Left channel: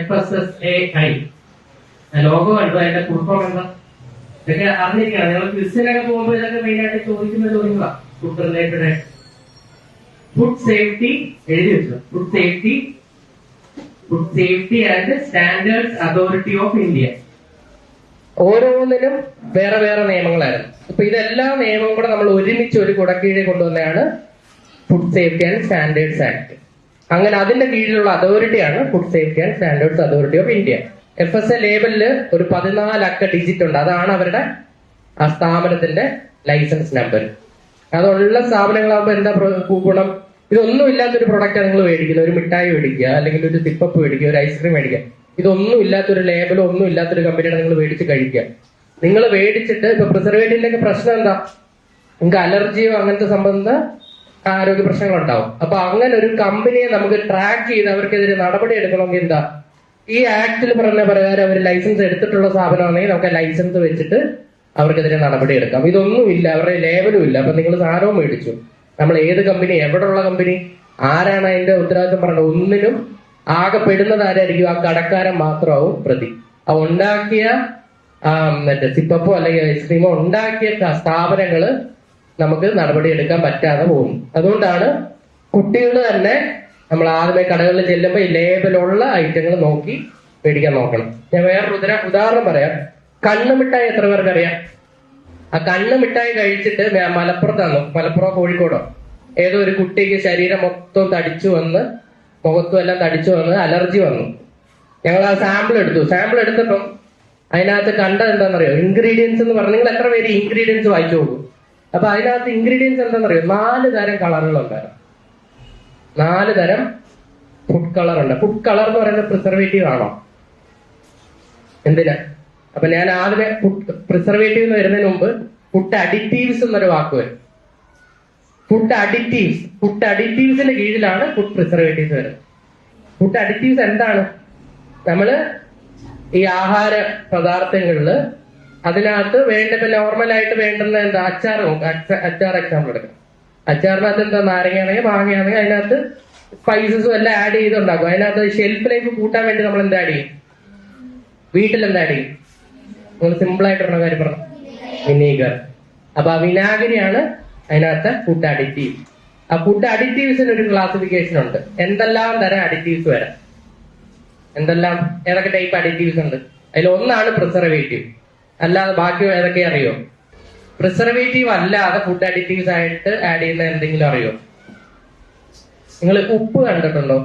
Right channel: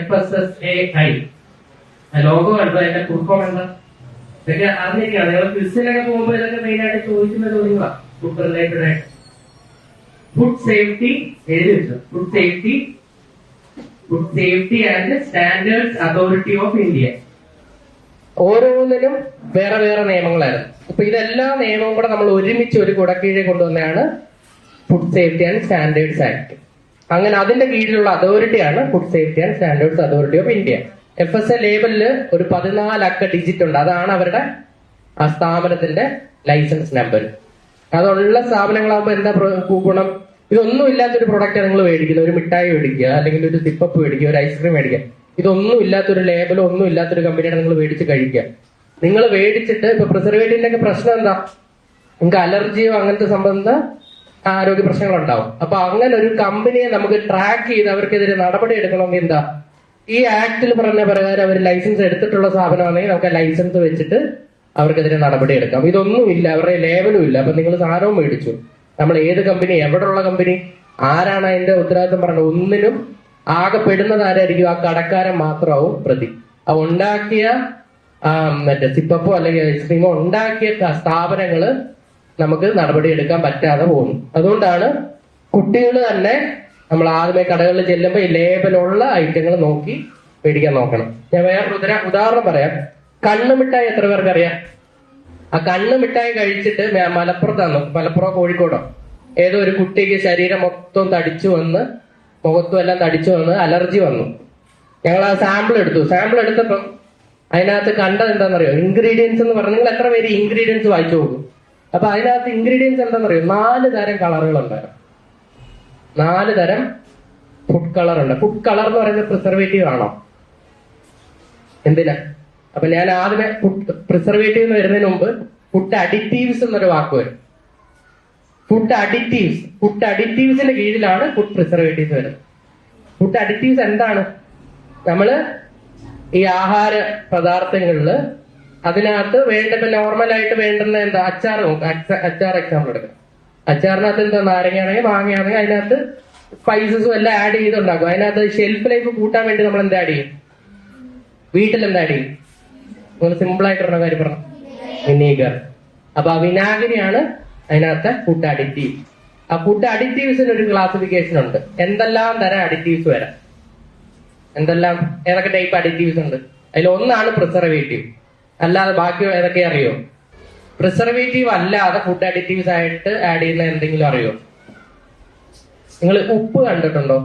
FSSAI. Logo കണ്ടോ, അതിന്റെ കുറിപ്പം കണ്ടോ, ഇതൊക്കെ അറിഞ്ഞിരിക്കുകയാണ്. നിങ്ങൾ ക്വിസിനൊക്കെ പോകുമ്പോൾ ഇതൊക്കെ മെയിൻ ആയിട്ട് ചോദിക്കുന്ന ചോദ്യങ്ങളാണ് ഫുഡ് റിലേറ്റഡ് ആയിട്ട്. ഫുഡ് സേഫ്റ്റി എഴുതി വെച്ചു. Food safety and standards authority of India. ഓരോന്നിനും വേറെ വേറെ നിയമങ്ങളായിരുന്നു. ഇപ്പൊ ഇതെല്ലാ നിയമവും കൂടെ നമ്മൾ ഒരുമിച്ച് ഒരു കുടക്കീഴിൽ കൊണ്ടുവന്നതാണ് food safety and standards act. അങ്ങനെ അതിന്റെ കീഴിലുള്ള അതോറിറ്റിയാണ് food safety and standards authority of India. FSA ലേബലില് ഒരു 14 അക്ക ഡിജിറ്റ് ഉണ്ട്. അതാണ് അവരുടെ ആ സ്ഥാപനത്തിന്റെ ലൈസൻസ് നമ്പർ. അതുള്ള സ്ഥാപനങ്ങളാകുമ്പോൾ എന്താ ഗുണം? ഇതൊന്നും ഇല്ലാത്തൊരു പ്രൊഡക്റ്റ് നിങ്ങൾ മേടിക്കുന്നത്, ഒരു മിഠായി മേടിക്കുക, അല്ലെങ്കിൽ ഒരു സിപ്പപ്പ് മേടിക്കുക, ഒരു ഐസ്ക്രീം മേടിക്കുക, ഇതൊന്നും ഇല്ലാത്തൊരു ലേബലോ ഒന്നും ഇല്ലാത്തൊരു കമ്പനിയുടെ നിങ്ങൾ മേടിച്ച് കഴിക്കുക. നിങ്ങൾ മേടിച്ചിട്ട് ഇപ്പൊ പ്രിസർവേറ്റീവിന്റെ പ്രശ്നം എന്താ? നിങ്ങൾക്ക് അലർജിയോ അങ്ങനത്തെ സംബന്ധ ആരോഗ്യ പ്രശ്നങ്ങളുണ്ടാവും. അപ്പൊ അങ്ങനെ ഒരു കമ്പനിയെ നമുക്ക് ട്രാക്ക് ചെയ്ത് അവർക്കെതിരെ നടപടി എടുക്കണമെങ്കിൽ എന്താ, ഈ ആക്ടിൽ പറഞ്ഞ പ്രകാരം അവർ ലൈസൻസ് എടുത്തിട്ടുള്ള സ്ഥാപനമാണെങ്കിൽ നമുക്ക് ലൈസൻസ് വെച്ചിട്ട് അവർക്കെതിരെ നടപടി എടുക്കാം. ഇതൊന്നും ഇല്ല, അവരുടെ ലേബലും ഇല്ല. അപ്പൊ നിങ്ങൾ സാധനവും മേടിച്ചു, നമ്മൾ ഏത് കമ്പനി, എവിടെയുള്ള കമ്പനി, ആരാണ് അതിന്റെ ഉത്തരവാദിത്വം പറഞ്ഞത്, ഒന്നിനും ആകെ പെടുന്നത് ആരായിരിക്കും? ആ കടക്കാരൻ മാത്രമാവും പ്രതി. ആ ഉണ്ടാക്കിയ മറ്റേ സിപ്പപ്പോ അല്ലെങ്കിൽ ഐസ്ക്രീമോ ഉണ്ടാക്കിയ സ്ഥാപനങ്ങള് നമുക്ക് നടപടി എടുക്കാൻ പറ്റാതെ പോകും. അതുകൊണ്ടാണ് കുട്ടികൾ തന്നെ നമ്മൾ ആദ്യമേ കടകളിൽ ചെല്ലുമ്പോൾ ഈ ലേബലുള്ള ഐറ്റങ്ങൾ നോക്കി മേടിക്കാൻ നോക്കണം. ഞാൻ വേറൊരു ഉദാഹരണം പറയാം. കണ്ണുമിഠായി എത്ര പേർക്ക് അറിയാം? ആ കണ്ണുമിഠായി കഴിച്ചിട്ട് മലപ്പുറം കോഴിക്കോടോ ഏതോ ഒരു കുട്ടിക്ക് ശരീരം മൊത്തം തടിച്ചു വന്ന്, മുഖത്തും എല്ലാം തടിച്ചു വന്ന് അലർജി വന്നു. ഞങ്ങൾ ആ സാമ്പിൾ എടുത്തപ്പം അതിനകത്ത് കണ്ടത് എന്താണെന്നറിയോ? ഇൻഗ്രീഡിയൻസ് എന്ന് പറഞ്ഞു. നിങ്ങൾ എത്ര പേര് ഇൻഗ്രീഡിയൻസ് വായിച്ചു നോക്കും? അപ്പൊ അതിനകത്ത് ഇൻഗ്രീഡിയൻസ് എന്താണെന്നറിയോ? 4 തരം കളറുകളുണ്ടായിരുന്നു. 4 തരം ഫുഡ് കളർ ഉണ്ട്. ഫുഡ് കളർ എന്ന് പറയുന്നത് പ്രിസർവേറ്റീവ് ആണോ? എന്തിനാ? അപ്പൊ ഞാൻ ആദ്യമേ പ്രിസർവേറ്റീവ് എന്ന് വരുന്നതിന് മുമ്പ് ഫുഡ് അഡിറ്റീവ്സ് എന്നൊരു വാക്ക് വരും. ഫുഡ് അഡിറ്റീവ്സിന്റെ കീഴിലാണ് ഫുഡ് പ്രിസർവേറ്റീവ്സ് വരുന്നത്. ഫുഡ് അഡിറ്റീവ്സ് എന്താണ്? നമ്മള് ഈ ആഹാര പദാർത്ഥങ്ങളില് അതിനകത്ത് ഇപ്പൊ നോർമലായിട്ട് വേണ്ടുന്ന എന്താ? അച്ചാർ നോക്കാം. അച്ചാർ എക്സാമ്പിൾ എടുക്കാം. അച്ചാറിനകത്ത് എന്താ? നാരങ്ങയാണെങ്കിൽ മാങ്ങയാണെങ്കിൽ അതിനകത്ത് സ്പൈസസും എല്ലാം ആഡ് ചെയ്തുണ്ടാക്കും. അതിനകത്ത് ഷെൽഫ് ലൈഫ് കൂട്ടാൻ വേണ്ടി നമ്മൾ എന്താ ആഡ് ചെയ്യും? വീട്ടിൽ എന്താ ആഡ് ചെയ്യും? നിങ്ങൾ സിമ്പിൾ ആയിട്ടുള്ള കാര്യം പറഞ്ഞു, വിനീഗർ. അപ്പൊ ആ വിനാഗിരിയാണ് അതിനകത്ത് ഫുഡ് അഡിറ്റീവ്. ആ ഫുഡ് അഡിറ്റീവ്സിന് ഒരു ക്ലാസിഫിക്കേഷൻ ഉണ്ട്. എന്തെല്ലാം തരം അഡിറ്റീവ്സ് വരാം, ഏതൊക്കെ ടൈപ്പ് അഡിറ്റീവ്സ് ഉണ്ട്? അതിൽ ഒന്നാണ് പ്രിസർവേറ്റീവ്. അല്ലാതെ ബാക്കി ഏതൊക്കെ അറിയോ? പ്രിസർവേറ്റീവ് അല്ലാതെ ഫുഡ് അഡിറ്റീവ്സ് ആയിട്ട് ആഡ് ചെയ്യുന്ന എന്തെങ്കിലും അറിയോ? നിങ്ങൾ ഉപ്പ് കണ്ടിട്ടുണ്ടോ?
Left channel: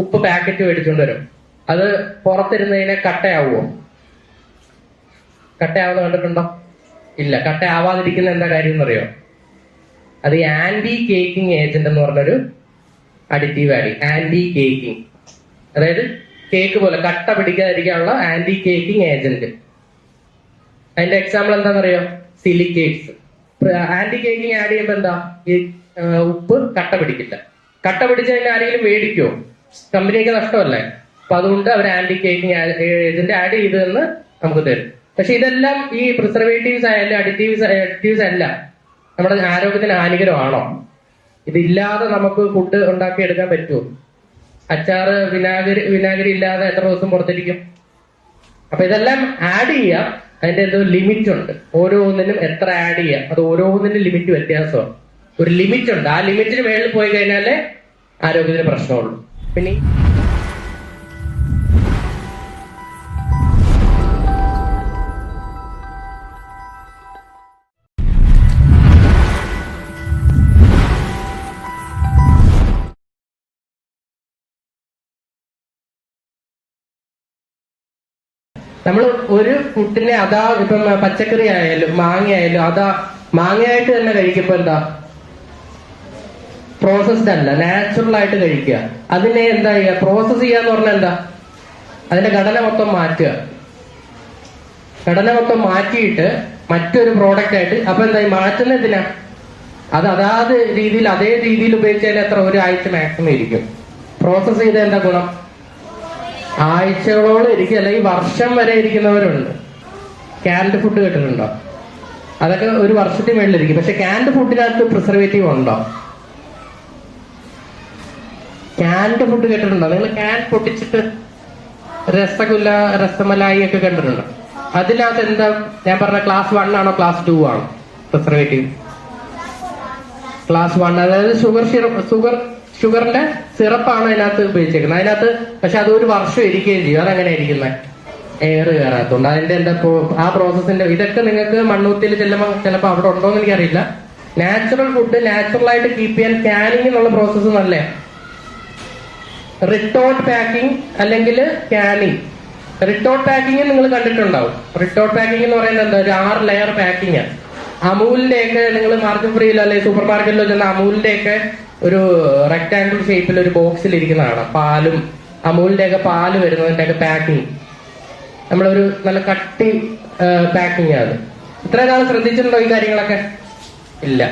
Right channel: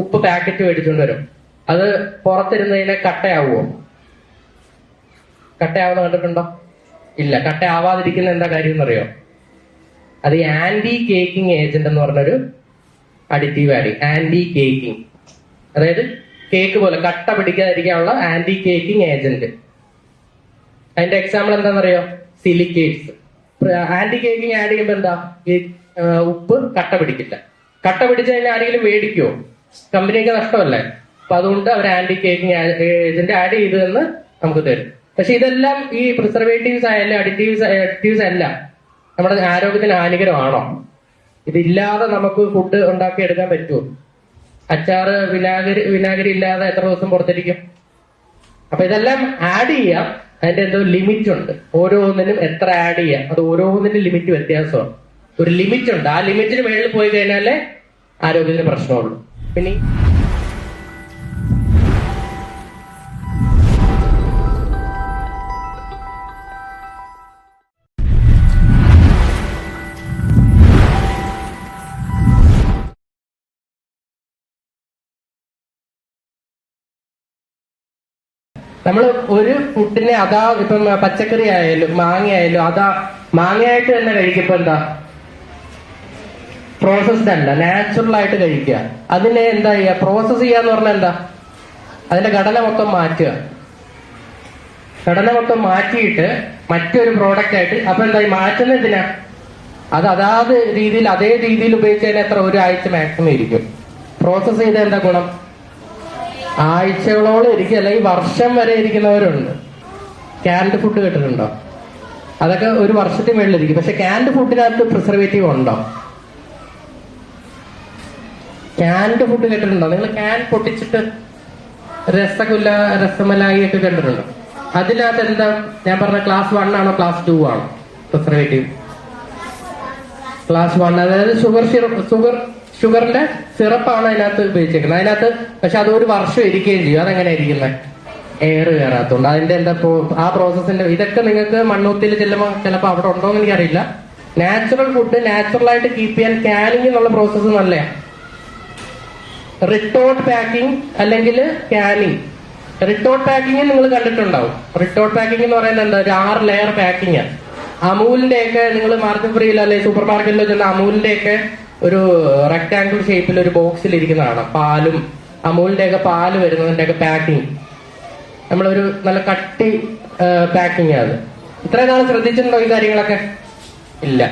ഉപ്പ് പാക്കറ്റ് മേടിച്ചുകൊണ്ട് വരും. അത് പുറത്തിരുന്നതിനെ കട്ടയാവുമോ? കട്ടയാവുന്ന കണ്ടിട്ടുണ്ടോ? ഇല്ല. കട്ടയാവാതിരിക്കുന്ന എന്താ കാര്യം എന്നറിയോ? അത് ഈ ആന്റി കേക്കിംഗ് ഏജന്റ് എന്ന് പറഞ്ഞൊരു അഡിറ്റീവ് ആഡ് ചെയ്യും. ആന്റി കേക്കിംഗ്, അതായത് കേക്ക് പോലെ കട്ട പിടിക്കാതിരിക്കാനുള്ള ആന്റി കേക്കിംഗ് ഏജന്റ്. അതിന്റെ എക്സാമ്പിൾ എന്താണെന്നറിയോ? സിലിക്കേറ്റ്സ്. ആന്റി കേക്കിംഗ് ആഡ് ചെയ്യുമ്പോൾ എന്താ? ഈ ഉപ്പ് കട്ട പിടിക്കില്ല. കട്ട പിടിച്ച് കഴിഞ്ഞാൽ ആരെങ്കിലും മേടിക്കുമോ? കമ്പനിക്ക് നഷ്ടമല്ലേ? അപ്പൊ അതുകൊണ്ട് അവർ ആന്റി കേക്കിംഗ് ഏജന്റ് ആഡ് ചെയ്തതെന്ന് നമുക്ക് തരും. പക്ഷെ ഇതെല്ലാം ഈ പ്രിസർവേറ്റീവ്സ് ആയാലും അഡിറ്റീവ്സ് എല്ലാം നമ്മുടെ ആരോഗ്യത്തിന് ഹാനികരമാണോ? ഇതില്ലാതെ നമുക്ക് ഫുഡ് ഉണ്ടാക്കി എടുക്കാൻ പറ്റുമോ? അച്ചാറ് വിനാഗിരി ഇല്ലാതെ എത്ര ദിവസം പുറത്തിരിക്കും? അപ്പൊ ഇതെല്ലാം ആഡ് ചെയ്യാം. അതിന്റെ എന്തോ ലിമിറ്റ് ഉണ്ട്. ഓരോന്നിനും എത്ര ആഡ് ചെയ്യാം, അത് ഓരോന്നിനും ലിമിറ്റ് വ്യത്യാസമാണ്. ഒരു ലിമിറ്റ് ഉണ്ട്. ആ ലിമിറ്റിന് മേളിൽ പോയി കഴിഞ്ഞാലേ ആരോഗ്യത്തിന് പ്രശ്നമുള്ളൂ. പിന്നെ നമ്മൾ ഒരു ഫുഡിനെ ഇപ്പം പച്ചക്കറി ആയാലും മാങ്ങയായാലും മാങ്ങയായിട്ട് തന്നെ കഴിക്കുമ്പോ എന്താ? പ്രോസസ്ഡ് അല്ല, നാച്ചുറൽ ആയിട്ട് കഴിക്കുക. അതിനെ എന്താ ചെയ്യുക? പ്രോസസ് ചെയ്യാന്ന് പറഞ്ഞാൽ എന്താ? അതിന്റെ ഘടന മൊത്തം മാറ്റുക. ഘടന മൊത്തം മാറ്റിയിട്ട് മറ്റൊരു പ്രോഡക്റ്റ് ആയിട്ട്. അപ്പൊ എന്താ മാറ്റുന്ന എന്തിനാ? അതാത് രീതിയിൽ അതേ രീതിയിൽ ഉപയോഗിച്ചാൽ എത്ര? ഒരാഴ്ച മാക്സിമം ഇരിക്കും. പ്രോസസ് ചെയ്ത എന്താ ഗുണം? ആഴ്ചകളോളം ഇരിക്കും, അല്ലെങ്കിൽ വർഷം വരെ ഇരിക്കുന്നവരുണ്ട്. ക്യാൻഡ് ഫുഡ് കേട്ടിട്ടുണ്ടോ? അതൊക്കെ ഒരു വർഷത്തിന് മേളിലിരിക്കും. പക്ഷെ ക്യാൻഡ് ഫുഡിനകത്ത് പ്രിസർവേറ്റീവ് ഉണ്ടോ? ക്യാൻഡ് ഫുഡ് കേട്ടിട്ടുണ്ടോ നിങ്ങൾ? ക്യാൻ പൊട്ടിച്ചിട്ട് രസഗുല്ല, രസമലായി ഒക്കെ കണ്ടിട്ടുണ്ടോ? അതിനകത്ത് എന്താ ഞാൻ പറഞ്ഞ ക്ലാസ് 1 ആണോ ക്ലാസ് 2 ആണോ പ്രിസർവേറ്റീവ്? ക്ലാസ് 1. അതായത് ഷുഗറിന്റെ സിറപ്പാണ് അതിനകത്ത് ഉപയോഗിച്ചേക്കുന്നത്. അതിനകത്ത് പക്ഷെ അത് ഒരു വർഷം ഇരിക്കുകയും ചെയ്യും. അതെങ്ങനെ ഇരിക്കുന്നത്? എയർ കയറാത്തോണ്ട്. അതിന്റെ എന്താ ആ പ്രോസസ്സിന്റെ ഇതൊക്കെ നിങ്ങൾക്ക് മണ്ണൂത്തിയിൽ ചെല്ലുമ്പോൾ ചിലപ്പോൾ അവിടെ ഉണ്ടോ എന്ന് എനിക്കറിയില്ല. നാച്ചുറൽ ഫുഡ് നാച്ചുറൽ ആയിട്ട് കീപ്പ് ചെയ്യാൻ ക്യാനിങ് എന്നുള്ള പ്രോസസ്സ് നല്ലതാണ്. റിട്ടോർട്ട് പാക്കിംഗ് അല്ലെങ്കിൽ ക്യാനിങ്. റിട്ടോർട്ട് പാക്കിംഗ് നിങ്ങൾ കണ്ടിട്ടുണ്ടാവും. റിട്ടോർട്ട് പാക്കിംഗ് എന്ന് പറയുന്നത് എന്താ? ഒരു 6 ലെയർ പാക്കിംഗ് ആണ്. അമൂലിന്റെ ഒക്കെ നിങ്ങൾ മാർക്കറ്റ് ഫ്രീയിലോ അല്ലെങ്കിൽ സൂപ്പർ മാർക്കറ്റിലോ ചെന്ന അമൂലിന്റെ ഒക്കെ ഒരു റെക്ടാംഗിൾ ഷേപ്പിൽ ഒരു ബോക്സിൽ ഇരിക്കുന്നതാണ്. പാലും അമൂലിന്റെ ഒക്കെ പാല് വരുന്നതിന്റെ ഒക്കെ പാക്കിംഗ് നമ്മളൊരു നല്ല കട്ടി പാക്കിംഗ് ആണ്. ഇത്ര നാൾ ശ്രദ്ധിച്ചിട്ടുണ്ടോ ഈ കാര്യങ്ങളൊക്കെ? ഇല്ല.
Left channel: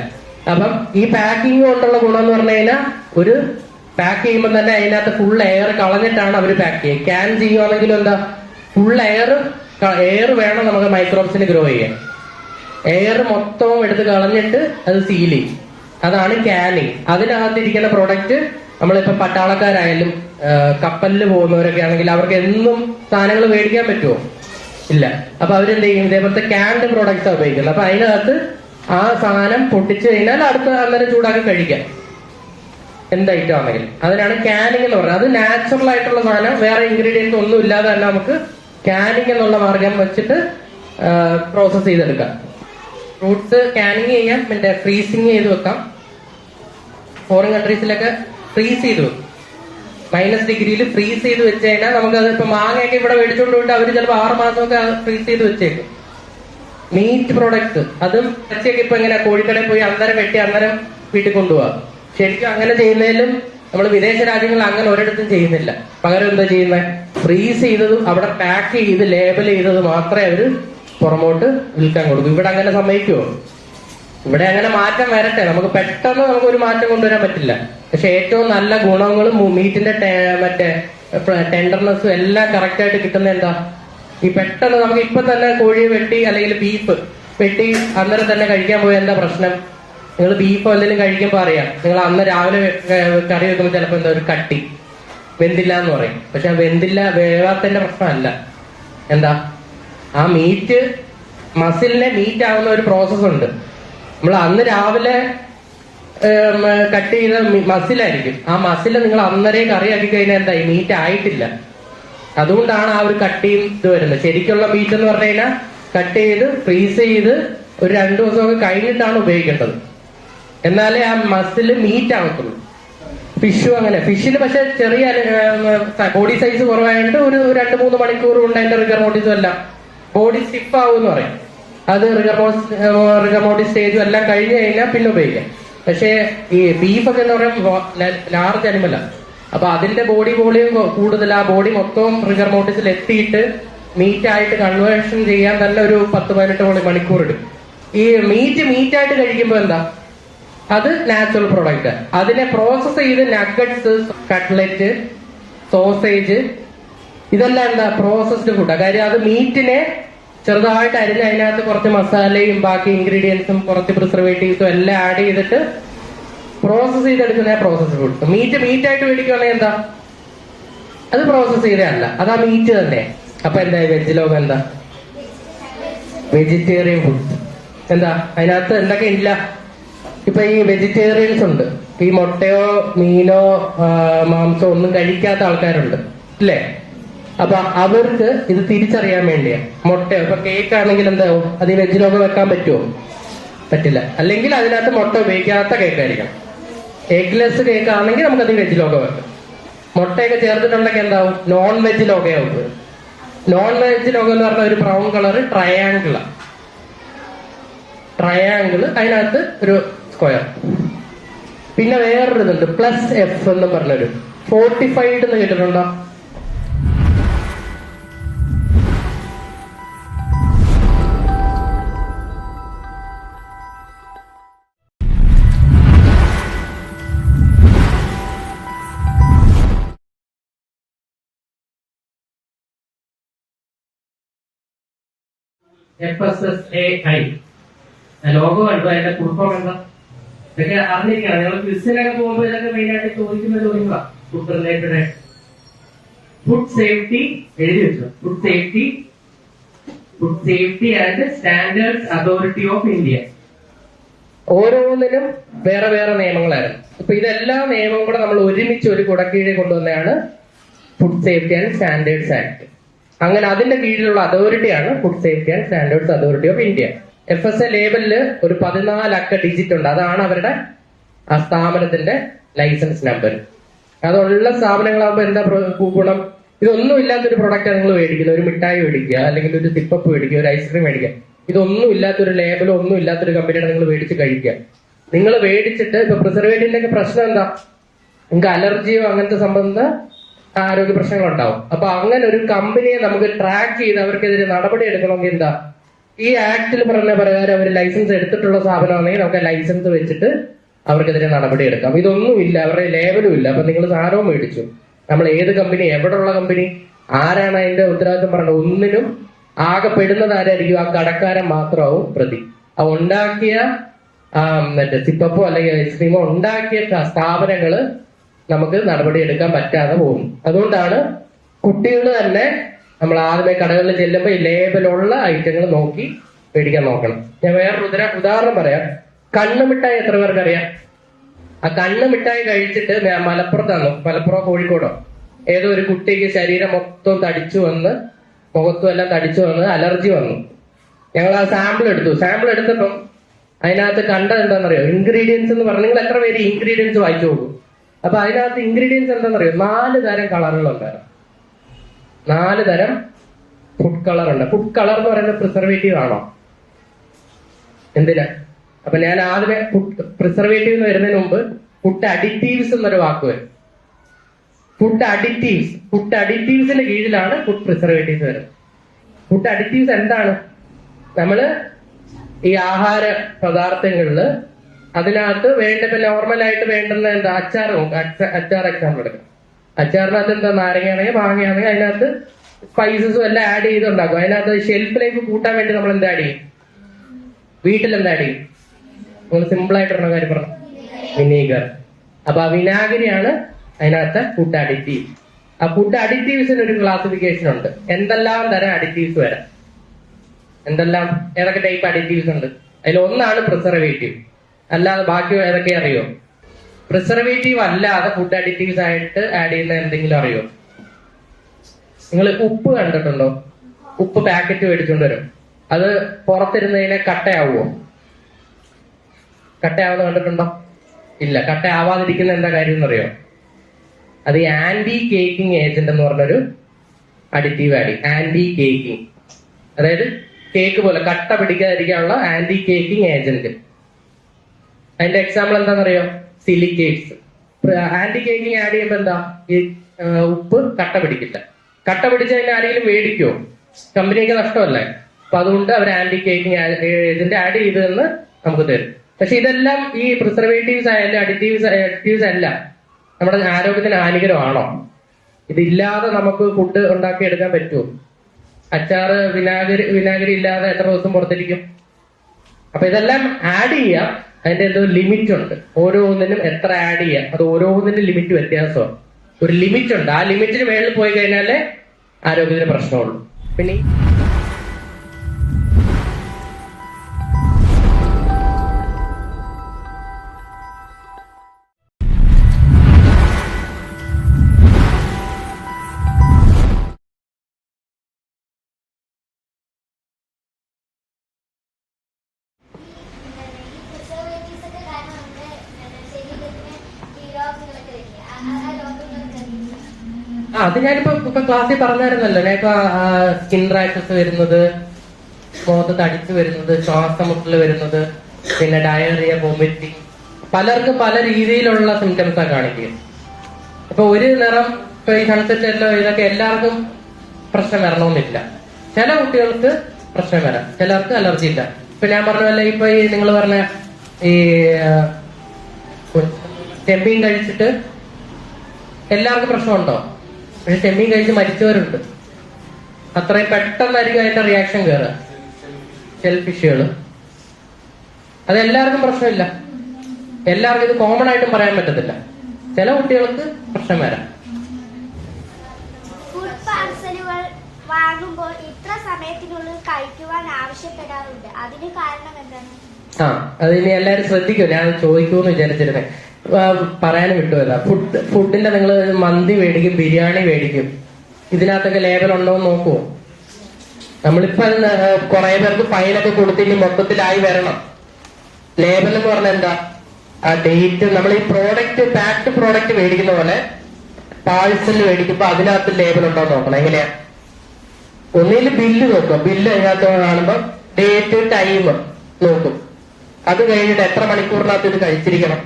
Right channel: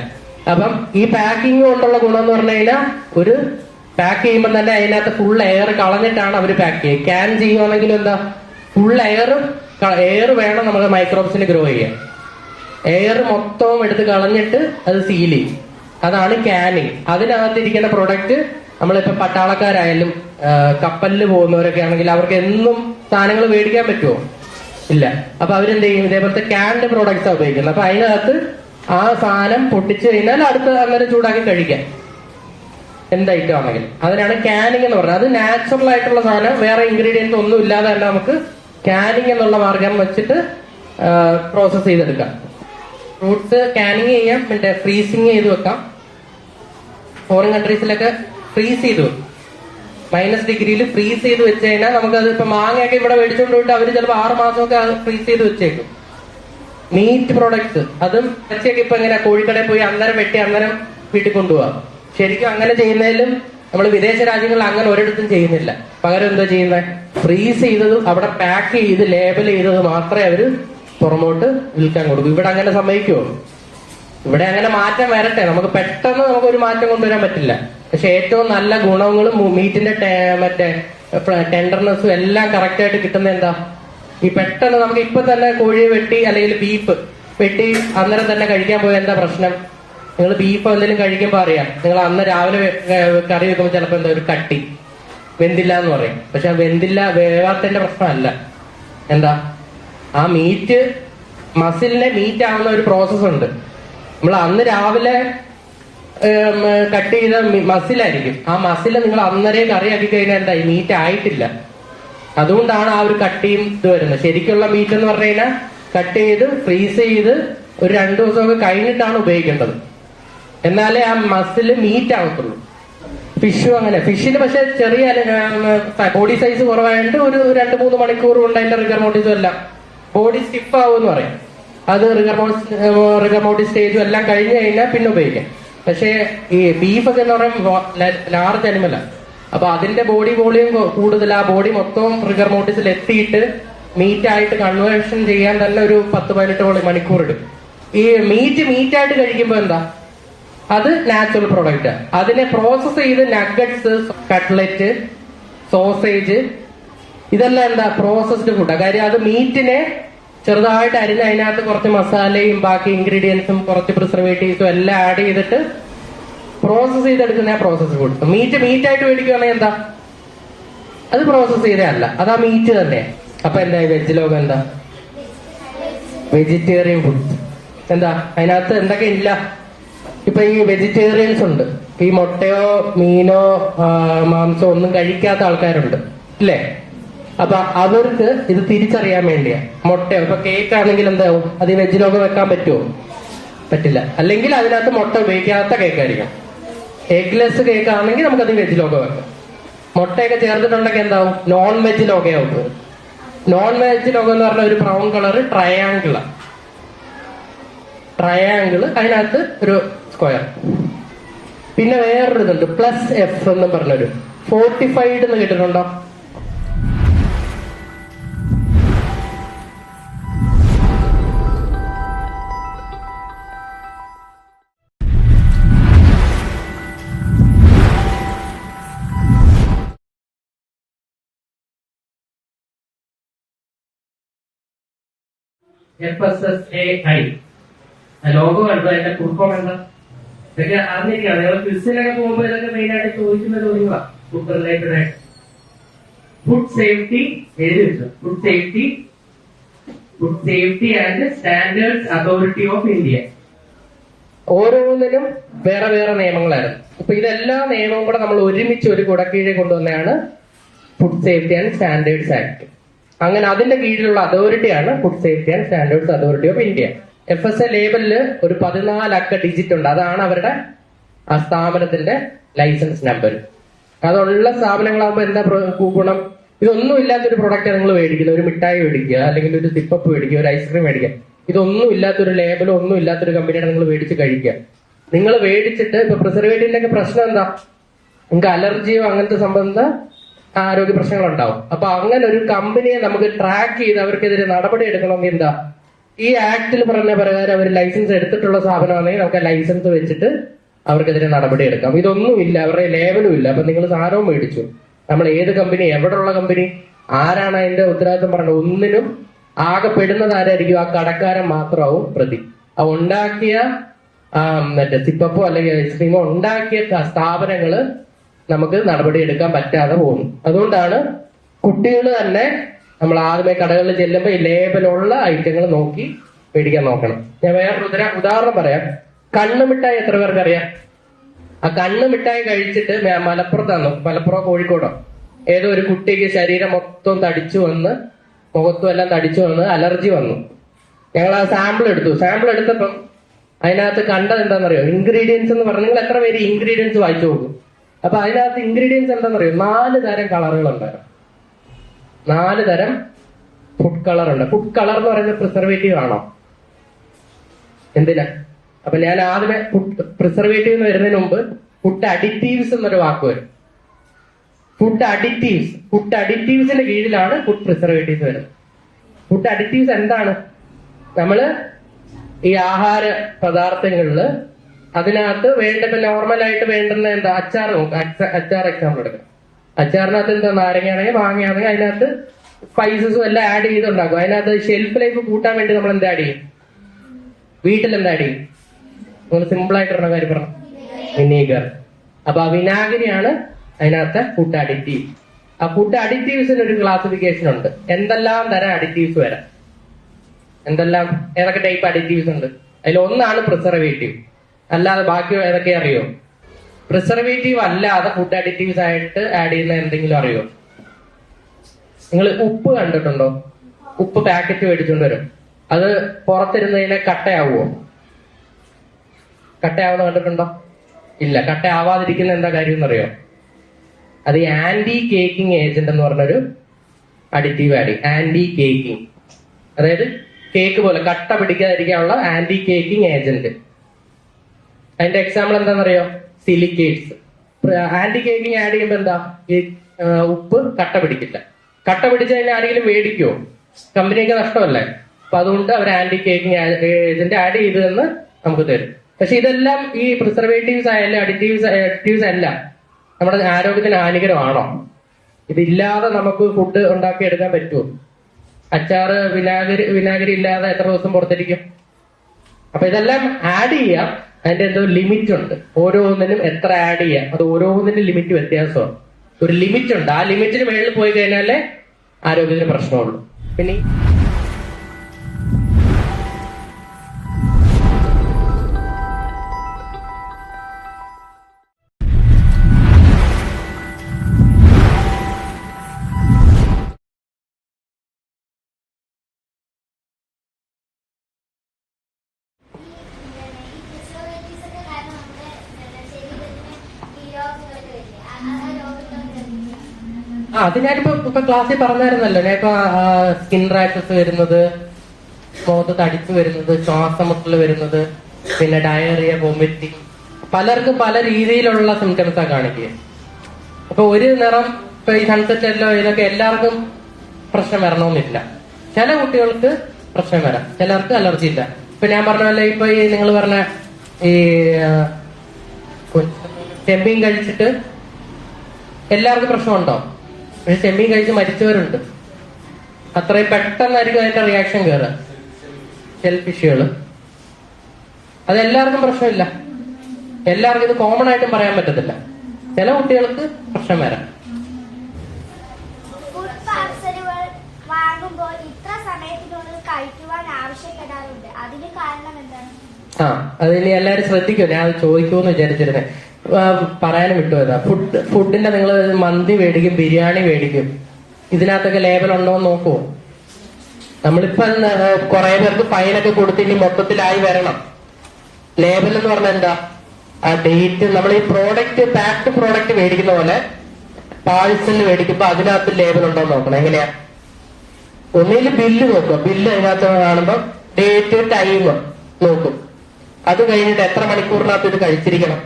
അപ്പം ഈ പാക്കിംഗ് കൊണ്ടുള്ള ഗുണം എന്ന് പറഞ്ഞു കഴിഞ്ഞാൽ ഒരു പാക്ക് ചെയ്യുമ്പോൾ തന്നെ അതിനകത്ത് ഫുൾ എയർ കളഞ്ഞിട്ടാണ് അവർ പാക്ക് ചെയ്യുക. ക്യാൻ ചെയ്യുവാണെങ്കിലും എന്താ ഫുൾ എയർ വേണം നമുക്ക് മൈക്രോബ്സിന് ഗ്രോ ചെയ്യാൻ. എയർ മൊത്തവും എടുത്ത് കളഞ്ഞിട്ട് അത് സീൽ ചെയ്യും. അതാണ് ക്യാനിങ്. അതിനകത്തിരിക്കുന്ന പ്രൊഡക്റ്റ് നമ്മളിപ്പോ പട്ടാളക്കാരായാലും കപ്പലിൽ പോകുന്നവരൊക്കെ ആണെങ്കിൽ അവർക്ക് എന്നും സാധനങ്ങൾ മേടിക്കാൻ പറ്റുമോ? ഇല്ല. അപ്പൊ അവരെന്ത് ചെയ്യും? ഇതേപോലത്തെ ക്യാൻഡ് പ്രോഡക്ട്സാണ് ഉപയോഗിക്കുന്നത്. അപ്പൊ അതിനകത്ത് ആ സാധനം പൊട്ടിച്ചു കഴിഞ്ഞാൽ അടുത്ത അന്നേരം ചൂടാക്കി കഴിക്കാം, എന്ത് ഐറ്റം ആണെങ്കിലും. അതിനാണ് ക്യാനിങ് എന്ന് പറയുന്നത്. അത് നാച്ചുറൽ ആയിട്ടുള്ള സാധനം, വേറെ ഇൻഗ്രീഡിയൻസ് ഒന്നും ഇല്ലാതെ തന്നെ നമുക്ക് ക്യാനിങ് എന്നുള്ള മാർഗം വെച്ചിട്ട് പ്രോസസ് ചെയ്തെടുക്കാം. ഫ്രൂട്ട്സ് ക്യാനിങ് ചെയ്യാം, പിന്നെ ഫ്രീസിങ് ചെയ്ത് വെക്കാം. ഫോറിൻ കൺട്രീസിലൊക്കെ ഫ്രീസ് ചെയ്ത് വെക്കും. -ഡിഗ്രിയിൽ ഫ്രീസ് ചെയ്ത് വെച്ച് കഴിഞ്ഞാൽ നമുക്കത് ഇപ്പൊ മാങ്ങയൊക്കെ ഇവിടെ മേടിച്ചുകൊണ്ട് പോയിട്ട് അവർ ചിലപ്പോൾ 6 മാസമൊക്കെ ഫ്രീസ് ചെയ്ത് വെച്ചേക്കും. മീറ്റ് പ്രൊഡക്ട്സ് അതും ഇറച്ചിയൊക്കെ ഇപ്പൊ എങ്ങനെ കോഴിക്കടയിൽ പോയി അന്നേരം വെട്ടി അന്നേരം വീട്ടിൽ കൊണ്ടുപോകാം. ശരിക്കും അങ്ങനെ ചെയ്യുന്നതിലും നമ്മൾ വിദേശ രാജ്യങ്ങളിൽ അങ്ങനെ ഒരിടത്തും ചെയ്യുന്നില്ല. പകരം എന്താ ചെയ്യുന്നത്? ഫ്രീസ് ചെയ്തത് അവിടെ പാക്ക് ചെയ്ത് ലേബൽ ചെയ്തത് മാത്രമേ അവര് പുറമോട്ട് വിൽക്കാൻ കൊടുക്കും. ഇവിടെ അങ്ങനെ സമ്മതിക്കുമോ? ഇവിടെ അങ്ങനെ മാറ്റം വരട്ടെ. നമുക്ക് പെട്ടെന്ന് നമുക്കൊരു മാറ്റം കൊണ്ടുവരാൻ പറ്റില്ല. പക്ഷെ ഏറ്റവും നല്ല ഗുണങ്ങളും മീറ്റിന്റെ മറ്റേ ടെൻഡർനെസ്സും എല്ലാം കറക്റ്റ് ആയിട്ട് കിട്ടുന്ന എന്താ? ഈ പെട്ടെന്ന് നമുക്ക് ഇപ്പൊ തന്നെ കോഴിയെ വെട്ടി അല്ലെങ്കിൽ ബീഫ് വെട്ടി അന്നേരം തന്നെ കഴിക്കാൻ പോയി എന്താ പ്രശ്നം? നിങ്ങൾ ബീഫ് എന്തെങ്കിലും കഴിക്കുമ്പോൾ അറിയാം, നിങ്ങൾ അന്ന് രാവിലെ കറി വെക്കുമ്പോൾ ചിലപ്പോൾ എന്താ ഒരു കട്ടി വെന്തില്ല എന്ന് പറയും. പക്ഷെ വെന്തില്ല വേവാത്തതിന്റെ പ്രശ്നമല്ല. എന്താ? ആ മീറ്റ് മസിലിനെ മീറ്റ് ആവുന്ന ഒരു പ്രോസസ് ഉണ്ട്. നമ്മൾ അന്ന് രാവിലെ കട്ട് ചെയ്ത മസിലായിരിക്കും. ആ മസില് നിങ്ങൾ അന്നേരം കറിയാക്കി കഴിഞ്ഞാൽ എന്താ? ഈ മീറ്റ് ആയിട്ടില്ല. അതുകൊണ്ടാണ് ആ ഒരു കട്ടിയും ഇത് വരുന്നത്. ശരിക്കുള്ള മീറ്റ് എന്ന് പറഞ്ഞു കഴിഞ്ഞാൽ കട്ട് ചെയ്ത് ഫ്രീസ് ചെയ്ത് ഒരു 2 ദിവസമൊക്കെ കഴിഞ്ഞിട്ടാണ് ഉപയോഗിക്കേണ്ടത്. എന്നാലേ ആ മസില് മീറ്റ് ആവത്തുള്ളൂ. ഫിഷും അങ്ങനെ. ഫിഷിന് പക്ഷെ ചെറിയ ബോഡി സൈസ് കുറവായതുകൊണ്ട് ഒരു 2-3 മണിക്കൂർ കൊണ്ട് അതിന്റെ റിഗർ മോർട്ടിസും എല്ലാം ബോഡി സ്റ്റിഫ് ആവും എന്ന് പറയും. അത് റിഗർ മോർട്ടിസ് സ്റ്റേജും എല്ലാം കഴിഞ്ഞു കഴിഞ്ഞാൽ പിന്നെ ഉപയോഗിക്കാം. പക്ഷേ ഈ ബീഫൊക്കെ എന്ന് പറയുമ്പോൾ ലാർജ് അനിമലാണ്. അപ്പൊ അതിന്റെ ബോഡി വോളിയം കൂടുതൽ, ആ ബോഡി മൊത്തം റിഗർ മോർട്ടിസിൽ എത്തിയിട്ട് മീറ്റ് ആയിട്ട് കൺവേർഷൻ ചെയ്യാൻ തന്നെ ഒരു 10-18 മണിക്കൂർ എടുക്കും. ഈ മീറ്റായിട്ട് കഴിക്കുമ്പോൾ എന്താ? അത് നാച്ചുറൽ പ്രൊഡക്റ്റ്. അതിനെ പ്രോസസ് ചെയ്ത് നഗറ്റ്സ്, കട്ട്ലറ്റ്, സോസേജ് ഇതെല്ലാം എന്താ? പ്രോസസ്ഡ് ഫുഡാണ്. കാര്യം അത് മീറ്റിനെ ചെറുതായിട്ട് അരിഞ്ഞ് അതിനകത്ത് കുറച്ച് മസാലയും ബാക്കി ഇൻഗ്രീഡിയൻസും കുറച്ച് പ്രിസർവേറ്റീവ്സും എല്ലാം ആഡ് ചെയ്തിട്ട് പ്രോസസ് ചെയ്തെടുക്കുന്ന പ്രോസസ് ഫുഡ്. മീറ്റായിട്ട് മേടിക്കുകയാണെങ്കിൽ എന്താ? അത് പ്രോസസ് ചെയ്തതല്ല, അതാ മീറ്റ് തന്നെ. അപ്പൊ എന്താ വെജ് ലോകം? എന്താ? Vegetarian food. എന്താ അതിനകത്ത് എന്തൊക്കെ ഇല്ല? ഇപ്പൊ ഈ വെജിറ്റേറിയൻസ് ഉണ്ട്, ഈ മുട്ടയോ മീനോ മാംസോ ഒന്നും കഴിക്കാത്ത ആൾക്കാരുണ്ട്, ഇല്ലേ? അപ്പൊ അവർക്ക് ഇത് തിരിച്ചറിയാൻ വേണ്ടിയാ. മുട്ടയോ ഇപ്പൊ കേക്ക് ആണെങ്കിൽ എന്താവും? അത് ഈ വെജ് ലോകം വെക്കാൻ പറ്റുമോ? പറ്റില്ല. അല്ലെങ്കിൽ അതിനകത്ത് മുട്ട ഉപയോഗിക്കാത്ത കേക്കായിരിക്കണം. എഗ്ലെസ് കേക്ക് ആണെങ്കിൽ നമുക്കത് വെജ് ലോകം വെക്കാം. മുട്ടയൊക്കെ ചേർത്തിട്ടുണ്ടെങ്കിൽ എന്താവും? നോൺ വെജ് ലോകയാവും. നോൺ വെജ് ലോകം എന്ന് പറഞ്ഞ ഒരു ബ്രൗൺ കളർ ട്രയാങ്കിള്, അതിനകത്ത് ഒരു സ്ക്വയർ. പിന്നെ വേറൊരു ഇതുണ്ട് +F എന്ന് പറഞ്ഞൊരു ഫോർട്ടിഫൈഡ് എന്ന് കേട്ടിട്ടുണ്ടോ? FSSAI ലോഗോ കണ്ടോ? അതിന്റെ കുറുപ്പം എന്താ? ഇതൊക്കെ അറിഞ്ഞിരിക്കണം. ഞങ്ങൾ ക്വിസിനൊക്കെ പോകുമ്പോൾ ഇതൊക്കെ മെയിനായിട്ട് ചോദിക്കുന്ന ചോദ്യങ്ങളാണ് ഫുഡ് റിലേറ്റഡ് ആയിട്ട്. ഫുഡ് സേഫ്റ്റി എഴുതി വെച്ചു. Food safety and standards authority of India. ഓരോന്നിനും വേറെ വേറെ നിയമങ്ങളായിരുന്നു. ഇപ്പൊ ഇതെല്ലാ നിയമവും കൂടെ നമ്മൾ ഒരുമിച്ച് ഒരു കുടക്കീഴിൽ കൊണ്ടുവന്നതാണ് food safety and standards act. അങ്ങനെ അതിന്റെ കീഴിലുള്ള അതോറിറ്റിയാണ് food safety and standards authority of India. FSA ലേബലില് ഒരു 14 അക്ക ഡിജിറ്റ് ഉണ്ട്. അതാണ് അവരുടെ ആ സ്ഥാപനത്തിന്റെ ലൈസൻസ് നമ്പർ. അതുള്ള സ്ഥാപനങ്ങളാകുമ്പോൾ എന്താ ഗുണം? ഇതൊന്നും ഇല്ലാത്തൊരു പ്രൊഡക്റ്റ് നിങ്ങൾ മേടിക്കുന്നത്, ഒരു മിഠായി മേടിക്കുക, അല്ലെങ്കിൽ ഒരു സിപ്പപ്പ് മേടിക്കുക, ഒരു ഐസ്ക്രീം മേടിക്കുക, ഇതൊന്നും ഇല്ലാത്തൊരു ലേബലോ ഒന്നും ഇല്ലാത്തൊരു കമ്പനിയാണ് നിങ്ങൾ മേടിച്ച് കഴിക്കുക. നിങ്ങൾ മേടിച്ചിട്ട് ഇപ്പൊ പ്രിസർവേറ്റീവിന്റെ ഒക്കെ പ്രശ്നം എന്താ? നിങ്ങൾക്ക് അലർജിയോ അങ്ങനത്തെ സംബന്ധ ആരോഗ്യ പ്രശ്നങ്ങളുണ്ടാവും. അപ്പൊ അങ്ങനെ ഒരു കമ്പനിയെ നമുക്ക് ട്രാക്ക് ചെയ്ത് അവർക്കെതിരെ നടപടി എടുക്കണമെങ്കിൽ എന്താ, ഈ ആക്ടിൽ പറഞ്ഞ പ്രകാരം അവർ ലൈസൻസ് എടുത്തിട്ടുള്ള സ്ഥാപനമാണെങ്കിൽ നമുക്ക് ലൈസൻസ് വെച്ചിട്ട് അവർക്കെതിരെ നടപടി എടുക്കാം. ഇതൊന്നും ഇല്ല, അവരുടെ ലേബലും ഇല്ല. അപ്പൊ നിങ്ങൾ സാധനവും മേടിച്ചു, നമ്മൾ ഏത് കമ്പനി, എവിടെയുള്ള കമ്പനി, ആരാണ് അതിന്റെ ഉത്തരവാദിത്വം പറഞ്ഞത്, ഒന്നിനും ആകെ പെടുന്നത് ആരായിരിക്കും? ആ കടക്കാരൻ മാത്രമാവും പ്രതി. ആ ഉണ്ടാക്കിയ മറ്റേ സിപ്പപ്പോ അല്ലെങ്കിൽ ഐസ്ക്രീമോ ഉണ്ടാക്കിയ സ്ഥാപനങ്ങള് നമുക്ക് നടപടി എടുക്കാൻ പറ്റാതെ പോകും. അതുകൊണ്ടാണ് കുട്ടികൾ തന്നെ നമ്മൾ ആദ്യമേ കടകളിൽ ചെല്ലുമ്പോൾ ഈ ലേബലുള്ള ഐറ്റങ്ങൾ നോക്കി മേടിക്കാൻ നോക്കണം. ഞാൻ വേറൊരു ഉദാഹരണം പറയാം. കണ്ണുമിഠായി എത്ര പേർക്ക് അറിയാം? ആ കണ്ണുമിഠായി കഴിച്ചിട്ട് മലപ്പുറം കോഴിക്കോടോ ഏതോ ഒരു കുട്ടിക്ക് ശരീരം മൊത്തം തടിച്ചു വന്ന്, മുഖത്തും എല്ലാം തടിച്ചു വന്ന് അലർജി വന്നു. ഞങ്ങൾ ആ സാമ്പിൾ എടുത്തപ്പം അതിനകത്ത് കണ്ടത് എന്താണെന്നറിയോ? ഇൻഗ്രീഡിയൻസ് എന്ന് പറഞ്ഞു. നിങ്ങൾ എത്ര പേര് ഇൻഗ്രീഡിയൻസ് വായിച്ചു നോക്കും? അപ്പൊ അതിനകത്ത് ഇൻഗ്രീഡിയൻസ് എന്താണെന്നറിയോ? 4 തരം കളറുകളുണ്ടായിരുന്നു. 4 തരം ഫുഡ് കളർ ഉണ്ട്. ഫുഡ് കളർ എന്ന് പറയുന്നത് പ്രിസർവേറ്റീവ് ആണോ? എന്തിനാ? അപ്പൊ ഞാൻ ആദ്യമേ പ്രിസർവേറ്റീവ് എന്ന് വരുന്നതിന് മുമ്പ് ഫുഡ് അഡിറ്റീവ്സ് എന്നൊരു വാക്ക് വരും. ഫുഡ് അഡിറ്റീവ്സിന്റെ കീഴിലാണ് ഫുഡ് പ്രിസർവേറ്റീവ്സ് വരുന്നത്. ഫുഡ് അഡിറ്റീവ്സ് എന്താണ്? നമ്മള് ഈ ആഹാര പദാർത്ഥങ്ങളില് അതിനകത്ത് വേണ്ട നോർമലായിട്ട് വേണ്ടുന്ന എന്താ? അച്ചാർ എക്സാമ്പിൾ എടുക്കാം. അച്ചാറിനകത്ത് എന്താ? നാരങ്ങയാണെങ്കിൽ മാങ്ങയാണെങ്കിൽ അതിനകത്ത് സ്പൈസസും എല്ലാം ആഡ് ചെയ്തുണ്ടാക്കും. അതിനകത്ത് ഷെൽഫ് ലൈഫ് കൂട്ടാൻ വേണ്ടി നമ്മൾ എന്താ ആഡ് ചെയ്യും? വീട്ടിൽ എന്താ ആഡ് ചെയ്യും? നിങ്ങൾ സിമ്പിൾ ആയിട്ടുള്ള കാര്യം പറഞ്ഞു, വിനീഗർ. അപ്പൊ ആ വിനാഗിരിയാണ് അതിനകത്ത് ഫുഡ് അഡിറ്റീവ്. ആ ഫുഡ് അഡിറ്റീവ്സിന് ഒരു ക്ലാസിഫിക്കേഷൻ ഉണ്ട്. എന്തെല്ലാം തരം അഡിറ്റീവ്സ് വരാം? ഏതൊക്കെ ടൈപ്പ് അഡിറ്റീവ്സ് ഉണ്ട്? അതിൽ ഒന്നാണ് പ്രിസർവേറ്റീവ്. അല്ലാതെ ബാക്കി ഏതൊക്കെ അറിയോ? പ്രിസർവേറ്റീവ് അല്ലാതെ ഫുഡ് അഡിറ്റീവ്സ് ആയിട്ട് ആഡ് ചെയ്യുന്ന എന്തെങ്കിലും അറിയോ? നിങ്ങൾ ഉപ്പ് കണ്ടിട്ടുണ്ടോ? ഉപ്പ് പാക്കറ്റ് മേടിച്ചുകൊണ്ട് വരും. അത് പുറത്തിരുന്നതിനെ കട്ടയാവുമോ? കട്ടയാവുന്ന കണ്ടിട്ടുണ്ടോ? ഇല്ല. കട്ടയാവാതിരിക്കുന്ന എന്താ കാര്യം എന്നറിയോ? അത് ഈ ആന്റി കേക്കിംഗ് ഏജന്റ് എന്ന് പറഞ്ഞൊരു അഡിറ്റീവ് ആഡ് ചെയ്യും. ആന്റി കേക്കിംഗ്, അതായത് കേക്ക് പോലെ കട്ട പിടിക്കാതിരിക്കാനുള്ള ആന്റി കേക്കിംഗ് ഏജന്റ്. അതിന്റെ എക്സാമ്പിൾ എന്താണെന്നറിയോ? സിലിക്കേറ്റ്സ്. ആന്റി കേക്കിംഗ് ആഡ് ചെയ്യുമ്പോൾ എന്താ? ഈ ഉപ്പ് കട്ട പിടിക്കില്ല. കട്ട പിടിച്ച് അതിന് ആരെങ്കിലും മേടിക്കുമോ? കമ്പനിക്ക് നഷ്ടമല്ലേ? അപ്പൊ അതുകൊണ്ട് അവർ ആന്റി കേക്കിംഗ് ഏജന്റ് ആഡ് ചെയ്തതെന്ന് നമുക്ക് തരും. പക്ഷെ ഇതെല്ലാം ഈ പ്രിസർവേറ്റീവ്സ് ആയാലും അഡിറ്റീവ്സ് അല്ല നമ്മുടെ ആരോഗ്യത്തിന് ഹാനികരമാണോ? ഇതില്ലാതെ നമുക്ക് ഫുഡ് ഉണ്ടാക്കി എടുക്കാൻ പറ്റുമോ? അച്ചാറ് വിനാഗിരി ഇല്ലാതെ എത്ര ദിവസം പുറത്തിരിക്കും? അപ്പൊ ഇതെല്ലാം ആഡ് ചെയ്യാം. അതിന്റെ എന്തോ ലിമിറ്റ് ഉണ്ട്. ഓരോന്നിനും എത്ര ആഡ് ചെയ്യാം, അത് ഓരോന്നിന്റെ ലിമിറ്റ് വ്യത്യാസമാണ്. ഒരു ലിമിറ്റ് ഉണ്ട്. ആ ലിമിറ്റിന് മേളിൽ പോയി കഴിഞ്ഞാലേ ആരോഗ്യത്തിന് പ്രശ്നമുള്ളൂ. പിന്നെ അത് ഞാനിപ്പോ ക്ലാസ്സിൽ പറഞ്ഞായിരുന്നല്ലോ. ഞാനിപ്പോ സ്കിൻ റാഷസ് വരുന്നത്, മുഖത്ത് തടിപ്പ് വരുന്നത്, ശ്വാസമുട്ടൽ വരുന്നത്, പിന്നെ ഡയറിയ, വൊമിറ്റിംഗ്, പലർക്കും പല രീതിയിലുള്ള സിംറ്റംസാ കാണിക്കുക. ഇപ്പൊ ഒരു നിറം, ഇപ്പൊ ഈ സൺസെറ്റ് എല്ലോ ഇതൊക്കെ എല്ലാവർക്കും പ്രശ്നം വരണമെന്നില്ല. ചില കുട്ടികൾക്ക് പ്രശ്നം വരാം, ചിലർക്ക് അലർജി ഇല്ല. ഇപ്പൊ ഞാൻ പറഞ്ഞ ഇപ്പൊ ഈ നിങ്ങൾ പറഞ്ഞ ഈ ചെമ്മീൻ കഴിച്ചിട്ട് എല്ലാവർക്കും പ്രശ്നമുണ്ടോ? പക്ഷെ ചെമ്മീൻ കഴിച്ച് മരിച്ചവരുണ്ട്. അത്രയും പെട്ടെന്നായിരിക്കും അതിന്റെ റിയാക്ഷൻ കയറുക. ഷെൽഫിഷുകൾ അതെല്ലാവർക്കും പ്രശ്നമില്ല. എല്ലാവർക്കും ഇത് കോമൺ ആയിട്ടും പറയാൻ പറ്റത്തില്ല. ചില കുട്ടികൾക്ക് പ്രശ്നം വരാം. ആവശ്യപ്പെടാറുണ്ട്. അതിന് കാരണം എന്താണ്? അതിനി എല്ലാരും ശ്രദ്ധിക്കും. ഞാൻ ചോദിക്കുമെന്ന് വിചാരിച്ചിരുന്നേ, പറയാനും വിട്ടുപോയതാ. ഫുഡിന്റെ നിങ്ങൾ മന്തി മേടിക്കും, ബിരിയാണി മേടിക്കും, ഇതിനകത്തൊക്കെ ലേബൽ ഉണ്ടോ എന്ന് നോക്കുവോ? നമ്മളിപ്പോ കുറെ പേർക്ക് ഫൈനൊക്കെ കൊടുത്ത് ഇനി മൊത്തത്തിലായി വരണം. ലേബൽ എന്ന് പറഞ്ഞാൽ എന്താ? ആ ഡേറ്റ്. നമ്മൾ ഈ പ്രോഡക്റ്റ് പാക്ഡ് പ്രോഡക്റ്റ് മേടിക്കുന്ന പോലെ പാഴ്സൽ മേടിക്കുമ്പോ അതിനകത്ത് ലേബൽ ഉണ്ടോ എന്ന് നോക്കണം. എങ്ങനെയാ? ഒന്നിൽ ബില്ല് നോക്കുക. ബില്ല് അതിനകത്ത് കാണുമ്പോ ഡേറ്റ്, ടൈം നോക്കും. അത് കഴിഞ്ഞിട്ട് എത്ര മണിക്കൂറിനകത്ത് ഇത് കഴിച്ചിരിക്കണം.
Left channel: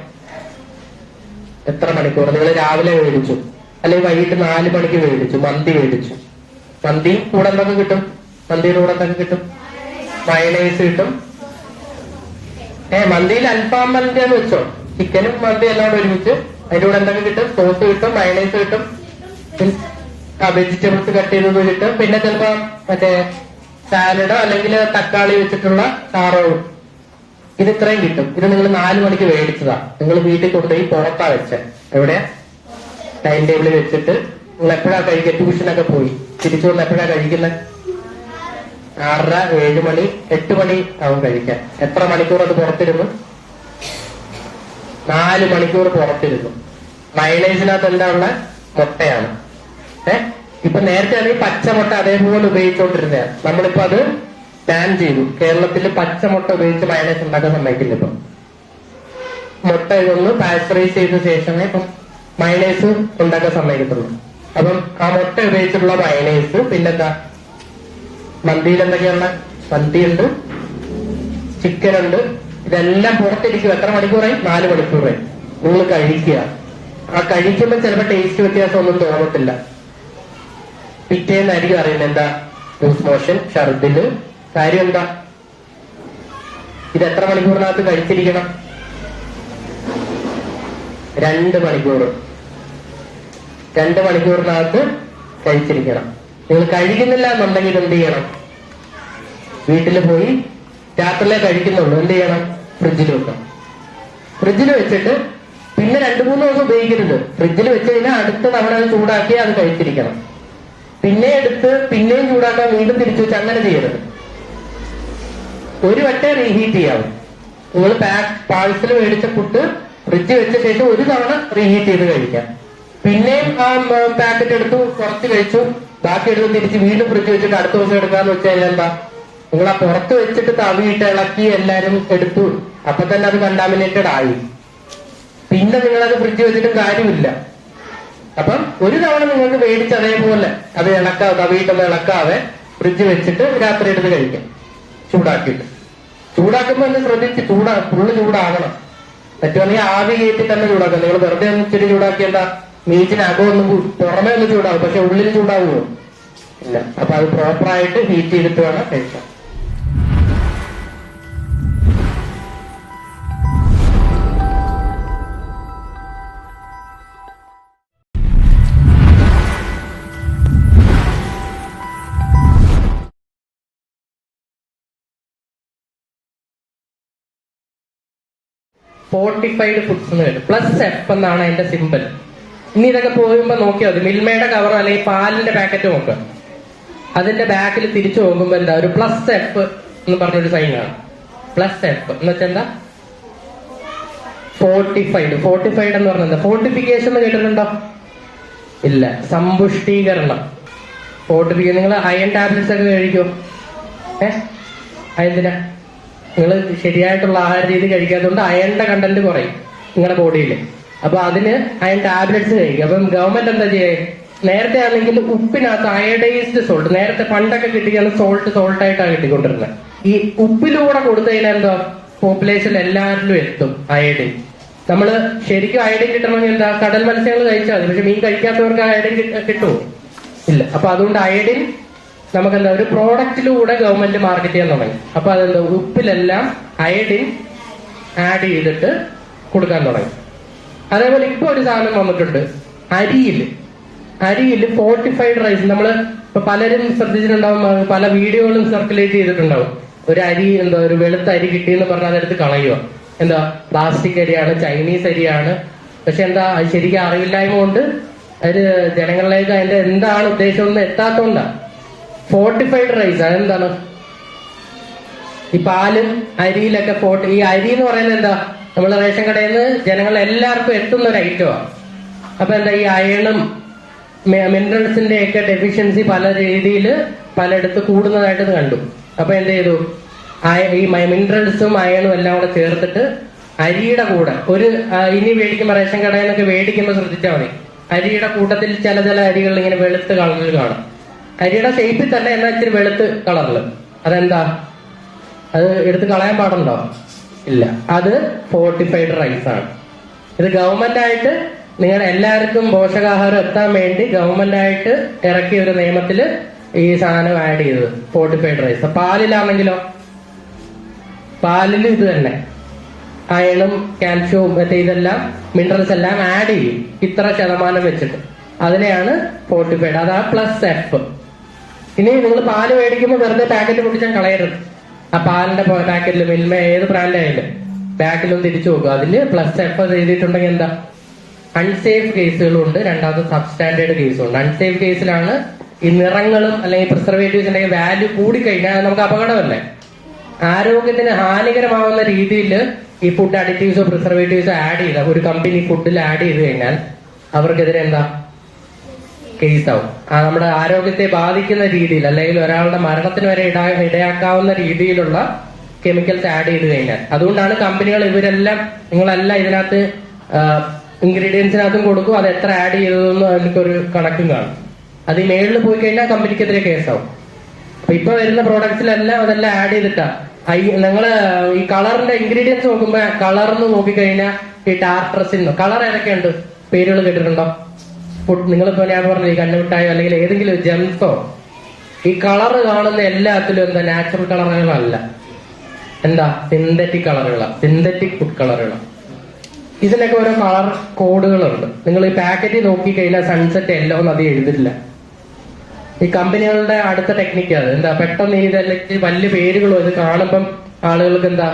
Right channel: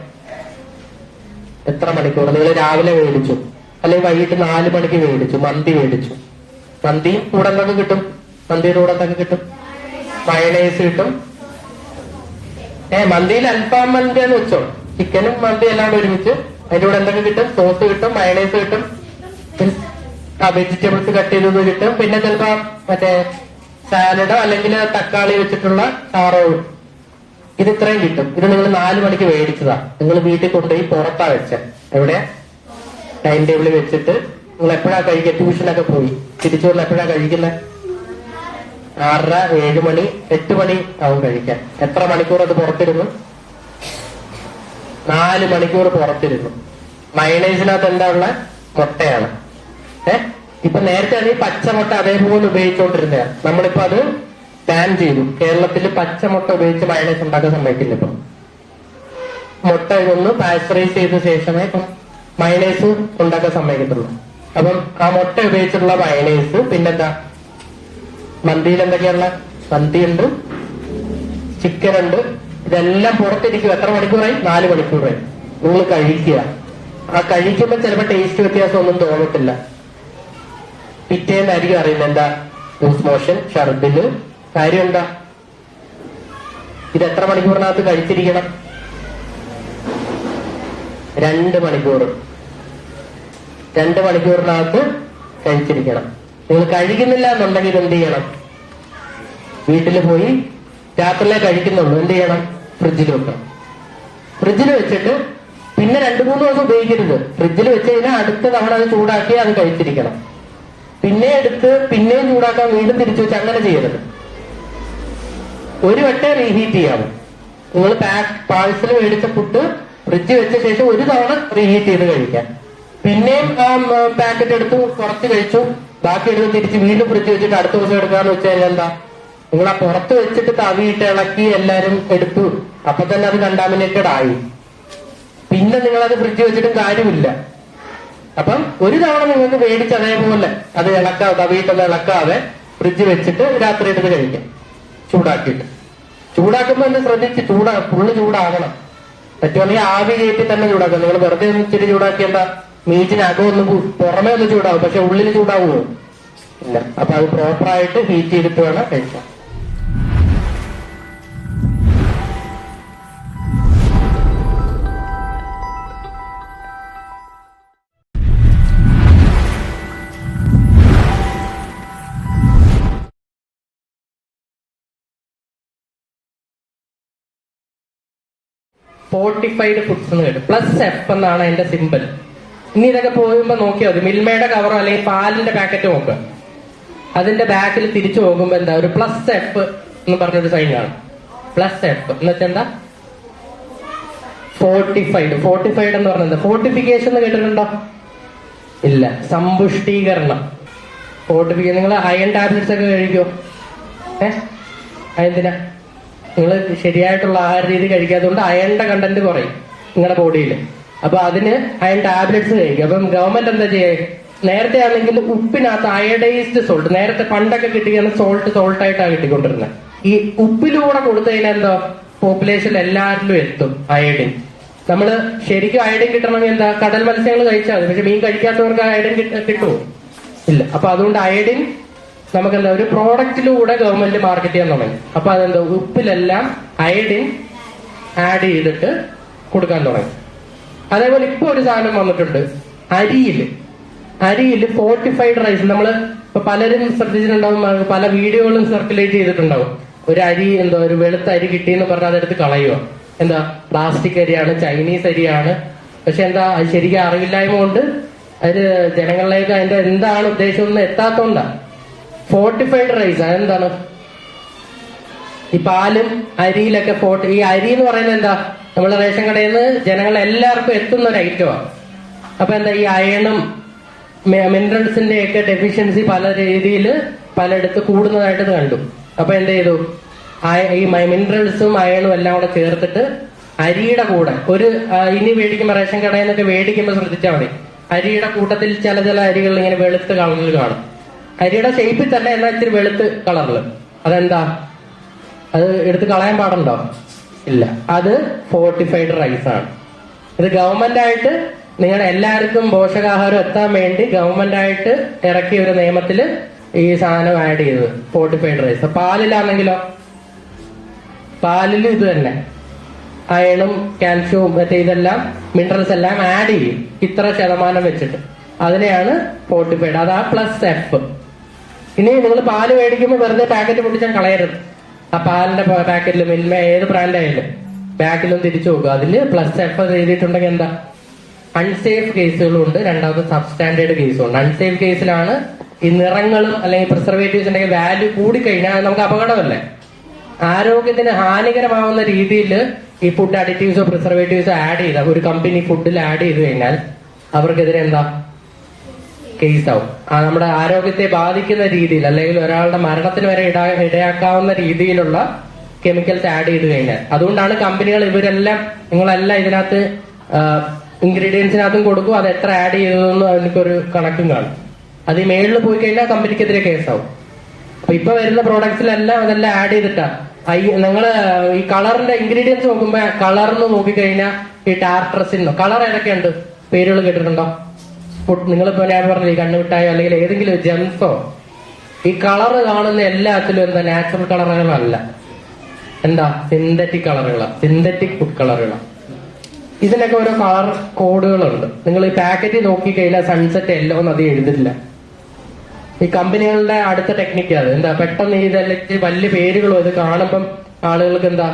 എത്ര മണിക്കൂർ? നിങ്ങൾ രാവിലെ മേടിച്ചു, അല്ലെങ്കിൽ വൈകിട്ട് 4 മണിക്ക് മേടിച്ചു, മന്തി മേടിച്ചു. മന്തി കൂടെ എന്തൊക്കെ കിട്ടും? മന്തിയുടെ കൂടെ എന്തൊക്കെ കിട്ടും? മയണൈസ് കിട്ടും. മന്തിയിൽ അൽഫാം മന്തി എന്ന് വെച്ചോ, ചിക്കനും മന്തി എല്ലാം കൂടെ ഒരുമിച്ച്. അതിന്റെ കൂടെ എന്തൊക്കെ കിട്ടും? സോസ് കിട്ടും, മയണൈസ് കിട്ടും, വെജിറ്റബിൾസ് കട്ട് ചെയ്തത് കിട്ടും. പിന്നെ ചിലപ്പോ മറ്റേ സാലഡോ അല്ലെങ്കിൽ തക്കാളി വെച്ചിട്ടുള്ള ചാറോ, ഇത് ഇത്രയും കിട്ടും. ഇത് നിങ്ങൾ 4 മണിക്ക് മേടിച്ചതാ. നിങ്ങൾ വീട്ടിൽ കൊണ്ടുപോയി പുറത്താ വെച്ച. എവിടെയാ? ടൈം ടേബിളിൽ വെച്ചിട്ട് നിങ്ങൾ എപ്പോഴാ കഴിക്കുക? ട്യൂഷനൊക്കെ പോയി തിരിച്ചുകൊണ്ട് എപ്പോഴാ കഴിക്കുന്നത്? 6:30, 7 മണി, 8 മണി ആവും കഴിക്കാൻ. എത്ര മണിക്കൂർ അത് പുറത്തിരുന്നു? 4 മണിക്കൂർ പുറത്തിരുന്നു. മയണൈസിനകത്ത് എന്താ ഉള്ള? മുട്ടയാണ്. ഇപ്പൊ നേരത്തെ ആണെങ്കിൽ പച്ചമുട്ട അതേപോലെ ഉപയോഗിച്ചുകൊണ്ടിരുന്നതാണ്. നമ്മളിപ്പോ അത് ബാൻ ചെയ്തു. കേരളത്തിൽ പച്ചമുട്ട ഉപയോഗിച്ച് മയണൈസ് ഉണ്ടാക്കാൻ സമ്മതിക്കില്ല. ഇപ്പൊ മുട്ട ഇതൊന്ന് പാസ്ചറൈസ് ചെയ്ത ശേഷമേ ഇപ്പം മയണൈസ് ഉണ്ടാക്കാൻ സമ്മതിക്കത്തുള്ളൂ. അപ്പം ആ മുട്ട ഉപയോഗിച്ചുള്ള മയണൈസ്. പിന്നെന്താ? മന്തിയിൽ എന്തൊക്കെയുള്ള? മന്തിയുണ്ട്, ചിക്കൻ ഉണ്ട്. ഇതെല്ലാം പുറത്തിരിക്കും. എത്ര മണിക്കൂറായി? 4 മണിക്കൂറായി. നിങ്ങൾ കഴിക്കുക. ആ കഴിക്കുമ്പോൾ ചിലപ്പോൾ ടേസ്റ്റ് വ്യത്യാസമൊന്നും തോന്നത്തില്ല. പിറ്റേന്നായിരിക്കും അറിയുന്നത് എന്താ? ലൂസ് മോഷൻ, ഛർദില്. കാര്യം എന്താ? ഇത് എത്ര മണിക്കൂറിനകത്ത് കഴിച്ചിരിക്കണം? 2 മണിക്കൂർ. 2 മണിക്കൂറിനകത്ത് കഴിച്ചിരിക്കണം. നിങ്ങൾ കഴിക്കുന്നില്ല എന്നുണ്ടെങ്കിൽ എന്ത് ചെയ്യണം? വീട്ടിൽ പോയി രാത്രിയിലേ കഴിക്കുന്നുള്ളൂ, എന്ത് ചെയ്യണം? ഫ്രിഡ്ജിൽ വെക്കണം. ഫ്രിഡ്ജിൽ വെച്ചിട്ട് പിന്നെ 2-3 ദിവസം ഉപയോഗിക്കരുത്. ഫ്രിഡ്ജിൽ വെച്ച് കഴിഞ്ഞാൽ അടുത്ത തവണ അത് ചൂടാക്കി അത് കഴിച്ചിരിക്കണം. പിന്നെ എടുത്ത് പിന്നെയും ചൂടാക്കാൻ വീണ്ടും തിരിച്ചു വെച്ച് അങ്ങനെ ചെയ്യരുത്. ഒരു വട്ടം റീഹീറ്റ് ചെയ്യാവും. നിങ്ങൾ പാഴ്സൽ മേടിച്ച ഫുഡ് ഫ്രിഡ്ജ് വെച്ച ശേഷം ഒരു തവണ റീഹീറ്റ് ചെയ്ത് കഴിക്കാം. പിന്നെയും ആ പാക്കറ്റ് എടുത്ത് കുറച്ച് കഴിച്ചു, ബാക്കി എടുത്ത് തിരിച്ച് വീണ്ടും ഫ്രിഡ്ജ് വെച്ചിട്ട് അടുത്ത ദിവസം എടുക്കാന്ന് വെച്ച് കഴിഞ്ഞാൽ എന്താ? നിങ്ങൾ ആ പുറത്ത് വെച്ചിട്ട് തവിയിട്ട് ഇളക്കി എല്ലാരും എടുത്തു, അപ്പൊ തന്നെ അത് കണ്ടാമിനേറ്റഡ് ആയി. പിന്നെ നിങ്ങളത് ഫ്രിഡ്ജ് വെച്ചിട്ട് കാര്യമില്ല. അപ്പം ഒരു തവണ നിങ്ങൾക്ക് മേടിച്ച് അതേപോലെ അത് തവിയിട്ടത് ഇളക്കാതെ ഫ്രിഡ്ജ് വെച്ചിട്ട് രാത്രി എടുത്ത് കഴിക്കാം, ചൂടാക്കിയിട്ട്. ചൂടാക്കുമ്പോൾ ഒന്ന് ശ്രദ്ധിച്ച് ഫുള്ള് ചൂടാകണം. പറ്റുവാണെങ്കിൽ ആവി കയറ്റി തന്നെ ചൂടാക്കാം. നിങ്ങൾ വെറുതെ ഇച്ചിരി ചൂടാക്കിയല്ല, മീറ്റിനകം ഒന്ന് പുറമെ ഒന്ന് ചൂടാവും, പക്ഷെ ഉള്ളിൽ ചൂടാവുമോ? ഇല്ല. അപ്പൊ അത് പ്രോപ്പറായിട്ട് ഹീറ്റ് ചെയ്തിട്ട് വേണം കഴിക്കാം. ഫോർട്ടിഫൈഡ് ഫുഡ്സ് എന്ന് വരും. +F എന്നാണ് അതിന്റെ സിമ്പിൾ. ഇനി ഇതൊക്കെ പോകുമ്പോ നോക്കിയാൽ മതി. മിൽമയുടെ കവറോ അല്ലെങ്കിൽ പാലിന്റെ പാക്കറ്റ് നോക്കുക. അതിന്റെ ബാക്കിൽ തിരിച്ചു പോകുമ്പോ എന്താ? ഒരു +F എന്ന് പറഞ്ഞൊരു സൈൻ കാണും. +F എന്ന് വെച്ചാൽ എന്താ? ഫോർട്ടിഫൈഡ്. ഫോർട്ടിഫൈഡ് എന്ന് പറഞ്ഞാൽ എന്താ? ഫോർട്ടിഫിക്കേഷൻ എന്ന് കേട്ടിട്ടുണ്ടോ? ഇല്ല. സമ്പുഷ്ടീകരണം. ഫോർട്ടിഫിക്കേഷൻ. നിങ്ങൾ അയൺ ടാബ്ലറ്റ്സ് ഒക്കെ കഴിക്കോ? അതെന്തിനാ? നിങ്ങൾ ശരിയായിട്ടുള്ള ആഹാര രീതി കഴിക്കാത്തതുകൊണ്ട് അയണിന്റെ കണ്ടന്റ് കുറയും നിങ്ങളുടെ ബോഡിയിൽ. അപ്പൊ അതിന് അയൺ ടാബ്ലറ്റ്സ് കഴിക്കും. അപ്പം ഗവൺമെന്റ് എന്താ ചെയ്യുക? നേരത്തെ ആണെങ്കിൽ ഉപ്പിനകത്ത് അയഡൈസ്ഡ് സോൾട്ട്, നേരത്തെ പണ്ടൊക്കെ കിട്ടിയാണ് സോൾട്ടായിട്ടാണ് കിട്ടിക്കൊണ്ടിരുന്നത്. ഈ ഉപ്പിലൂടെ കൊടുത്തു കഴിഞ്ഞാൽ എന്താ? പോപ്പുലേഷൻ എല്ലാവരിലും എത്തും അയഡിൻ. നമ്മള് ശരിക്കും അയഡിൻ കിട്ടണമെങ്കിൽ എന്താ? കടൽ മത്സ്യങ്ങൾ കഴിച്ചാൽ മതി. പക്ഷെ മീൻ കഴിക്കാത്തവർക്ക് അയഡിൻ കിട്ടുമോ? ഇല്ല. അപ്പൊ അതുകൊണ്ട് അയഡിൻ നമുക്കെന്താ? ഒരു പ്രോഡക്റ്റിലൂടെ ഗവൺമെന്റ് മാർക്കറ്റ് ചെയ്യാൻ തുടങ്ങി. അപ്പൊ അതെന്താ? ഉപ്പിലെല്ലാം അയഡിൻ ആഡ് ചെയ്തിട്ട് കൊടുക്കാൻ തുടങ്ങി. അതേപോലെ ഇപ്പൊ ഒരു സാധനം വന്നിട്ടുണ്ട് അരിയില് ഫോർട്ടിഫൈഡ് റൈസ്. നമ്മള് ഇപ്പൊ പലരും ശ്രദ്ധിച്ചിട്ടുണ്ടാവും, പല വീഡിയോകളും സർക്കുലേറ്റ് ചെയ്തിട്ടുണ്ടാവും. ഒരു അരി എന്താ, ഒരു വെളുത്ത അരി കിട്ടിയെന്ന് പറഞ്ഞാൽ അതെടുത്ത് കളയുക. എന്താ? പ്ലാസ്റ്റിക് അരിയാണ്, ചൈനീസ് അരിയാണ്. പക്ഷെ എന്താ? അത് ശരിക്കും അറിവില്ലായ്മ കൊണ്ട് അത് ജനങ്ങളിലേക്ക് അതിന്റെ എന്താണ് ഉദ്ദേശം ഒന്നും എത്താത്തോണ്ടാ. ഫോർട്ടിഫൈഡ് റൈസ് അതെന്താണ്? ഈ പാലും അരിയിലൊക്കെ ഈ അരി എന്ന് പറയുന്നത് എന്താ, നമ്മൾ റേഷൻ കടയിൽ നിന്ന് ജനങ്ങൾ എല്ലാവർക്കും എത്തുന്ന ഒരു ഐറ്റമാണ്. അപ്പൊ എന്താ, ഈ അയണും മിനറൽസിന്റെ ഒക്കെ ഡെഫിഷ്യൻസി പല രീതിയിൽ പലയിടത്ത് കൂടുന്നതായിട്ട് കണ്ടു. അപ്പൊ എന്ത് ചെയ്തു, ഈ മിനറൽസും അയണും എല്ലാം കൂടെ ചേർത്തിട്ട് അരിയുടെ കൂടെ ഇനി മേടിക്കുമ്പോൾ റേഷൻ കടയിൽ നിന്നൊക്കെ മേടിക്കുമ്പോൾ ശ്രദ്ധിച്ചാൽ മതി, അരിയുടെ കൂട്ടത്തിൽ ചില അരികൾ ഇങ്ങനെ വെളുത്ത് കളറിൽ കാണും. അരിയുടെ ഷേപ്പിൽ തന്നെ എന്നാൽ ഇച്ചിരി വെളുത്ത് കളറിൽ. അതെന്താ, അത് എടുത്ത് കളയാൻ പാടുണ്ടോ? ഇല്ല. അത് ഫോർട്ടിഫൈഡ് റൈസ് ആണ്. ഇത് ഗവൺമെന്റ് ആയിട്ട് നിങ്ങളുടെ എല്ലാവർക്കും പോഷകാഹാരം എത്താൻ വേണ്ടി ഗവൺമെന്റ് ആയിട്ട് ഇറക്കിയ ഒരു നിയമത്തില് ഈ സാധനം ആഡ് ചെയ്തത് ഫോർട്ടിഫൈഡ് റൈസ്. പാലിലാണെങ്കിലോ, പാലിൽ ഇത് തന്നെ അയണും കാൽഷ്യവും മറ്റേ ഇതെല്ലാം മിനറൽസ് എല്ലാം ആഡ് ചെയ്യും ഇത്ര ശതമാനം വെച്ചിട്ട്. അതിനെയാണ് ഫോർട്ടിഫൈഡ്. അതാ പ്ലസ് എഫ്. ഇനി നിങ്ങൾ പാല് മേടിക്കുമ്പോൾ വെറുതെ പാക്കറ്റ് പൊട്ടിച്ചാൽ കളയരുത്. ആ പാലിന്റെ പാക്കറ്റിൽ മിൽമ ഏത് ബ്രാൻഡായാലും പാക്കിലും തിരിച്ചു നോക്കുക. അതില് പ്ലസ് എഫ് എഴുതിയിട്ടുണ്ടെങ്കിൽ എന്താ, അൺസേഫ് കേസുകളും ഉണ്ട്, രണ്ടാമത് സബ്സ്റ്റാൻഡേർഡ് കേസും ഉണ്ട്. അൺസേഫ് കേസിലാണ് ഈ നിറങ്ങളും അല്ലെങ്കിൽ പ്രിസർവേറ്റീവ്സിന്റെ വാല്യൂ കൂടിക്കഴിഞ്ഞാൽ നമുക്ക് അപകടമല്ലേ, ആരോഗ്യത്തിന് ഹാനികരമാവുന്ന രീതിയിൽ ഈ ഫുഡ് അഡിറ്റീവ്സോ പ്രിസർവേറ്റീവ്സോ ആഡ് ചെയ്ത ഒരു കമ്പനി ഫുഡിൽ ആഡ് ചെയ്ത് കഴിഞ്ഞാൽ അവർക്കെതിരെ എന്താ, കേസാവും. നമ്മുടെ ആരോഗ്യത്തെ ബാധിക്കുന്ന രീതിയിൽ അല്ലെങ്കിൽ ഒരാളുടെ മരണത്തിന് വരെ ഇടയാക്കാവുന്ന രീതിയിലുള്ള കെമിക്കൽസ് ആഡ് ചെയ്ത് കഴിഞ്ഞാൽ. അതുകൊണ്ടാണ് കമ്പനികൾ ഇവരെല്ലാം, നിങ്ങളെല്ലാം ഇതിനകത്ത് ഇൻഗ്രീഡിയൻസിനകത്തും കൊടുക്കും, അത് എത്ര ആഡ് ചെയ്തതെന്ന് അതിലേക്കൊരു കണക്കും കാണും. അത് ഈ മേളിൽ പോയി കഴിഞ്ഞാൽ കമ്പനിക്കെതിരെ കേസാവും. അപ്പൊ ഇപ്പൊ വരുന്ന പ്രോഡക്ട്സിലെല്ലാം അതെല്ലാം ആഡ് ചെയ്തിട്ടാ. നിങ്ങള് ഈ കളറിന്റെ ഇൻഗ്രീഡിയൻസ് നോക്കുമ്പോ കളർന്ന് നോക്കിക്കഴിഞ്ഞാൽ ഈ ടാർട്രസിൻ കളർ ഏതൊക്കെയുണ്ട് പേരുകൾ കേട്ടിട്ടുണ്ടോ? നിങ്ങളിപ്പോ ഞാൻ പറഞ്ഞ ഈ കണ്ണുമിഠായോ അല്ലെങ്കിൽ ഏതെങ്കിലും ജെംസോ, ഈ കളർ കാണുന്ന എല്ലാത്തിലും എന്താ, നാച്ചുറൽ കളറുകളല്ല, എന്താ, സിന്തറ്റിക് കളറുകളാണ്, സിന്തറ്റിക് ഫുഡ് കളറുകളാണ്. ഇതിനൊക്കെ ഓരോ കളർ കോഡുകളുണ്ട്. നിങ്ങൾ ഈ പാക്കറ്റ് നോക്കിക്കഴിഞ്ഞാൽ സൺസെറ്റ് യെല്ലോ എന്ന് അത് എഴുതില്ല. ഈ കമ്പനികളുടെ അടുത്ത ടെക്നിക്ക് അത് എന്താ, പെട്ടെന്ന് ഇതല്ലെങ്കിൽ വലിയ പേരുകളോ ഇത് കാണുമ്പം ആളുകൾക്ക് എന്താ,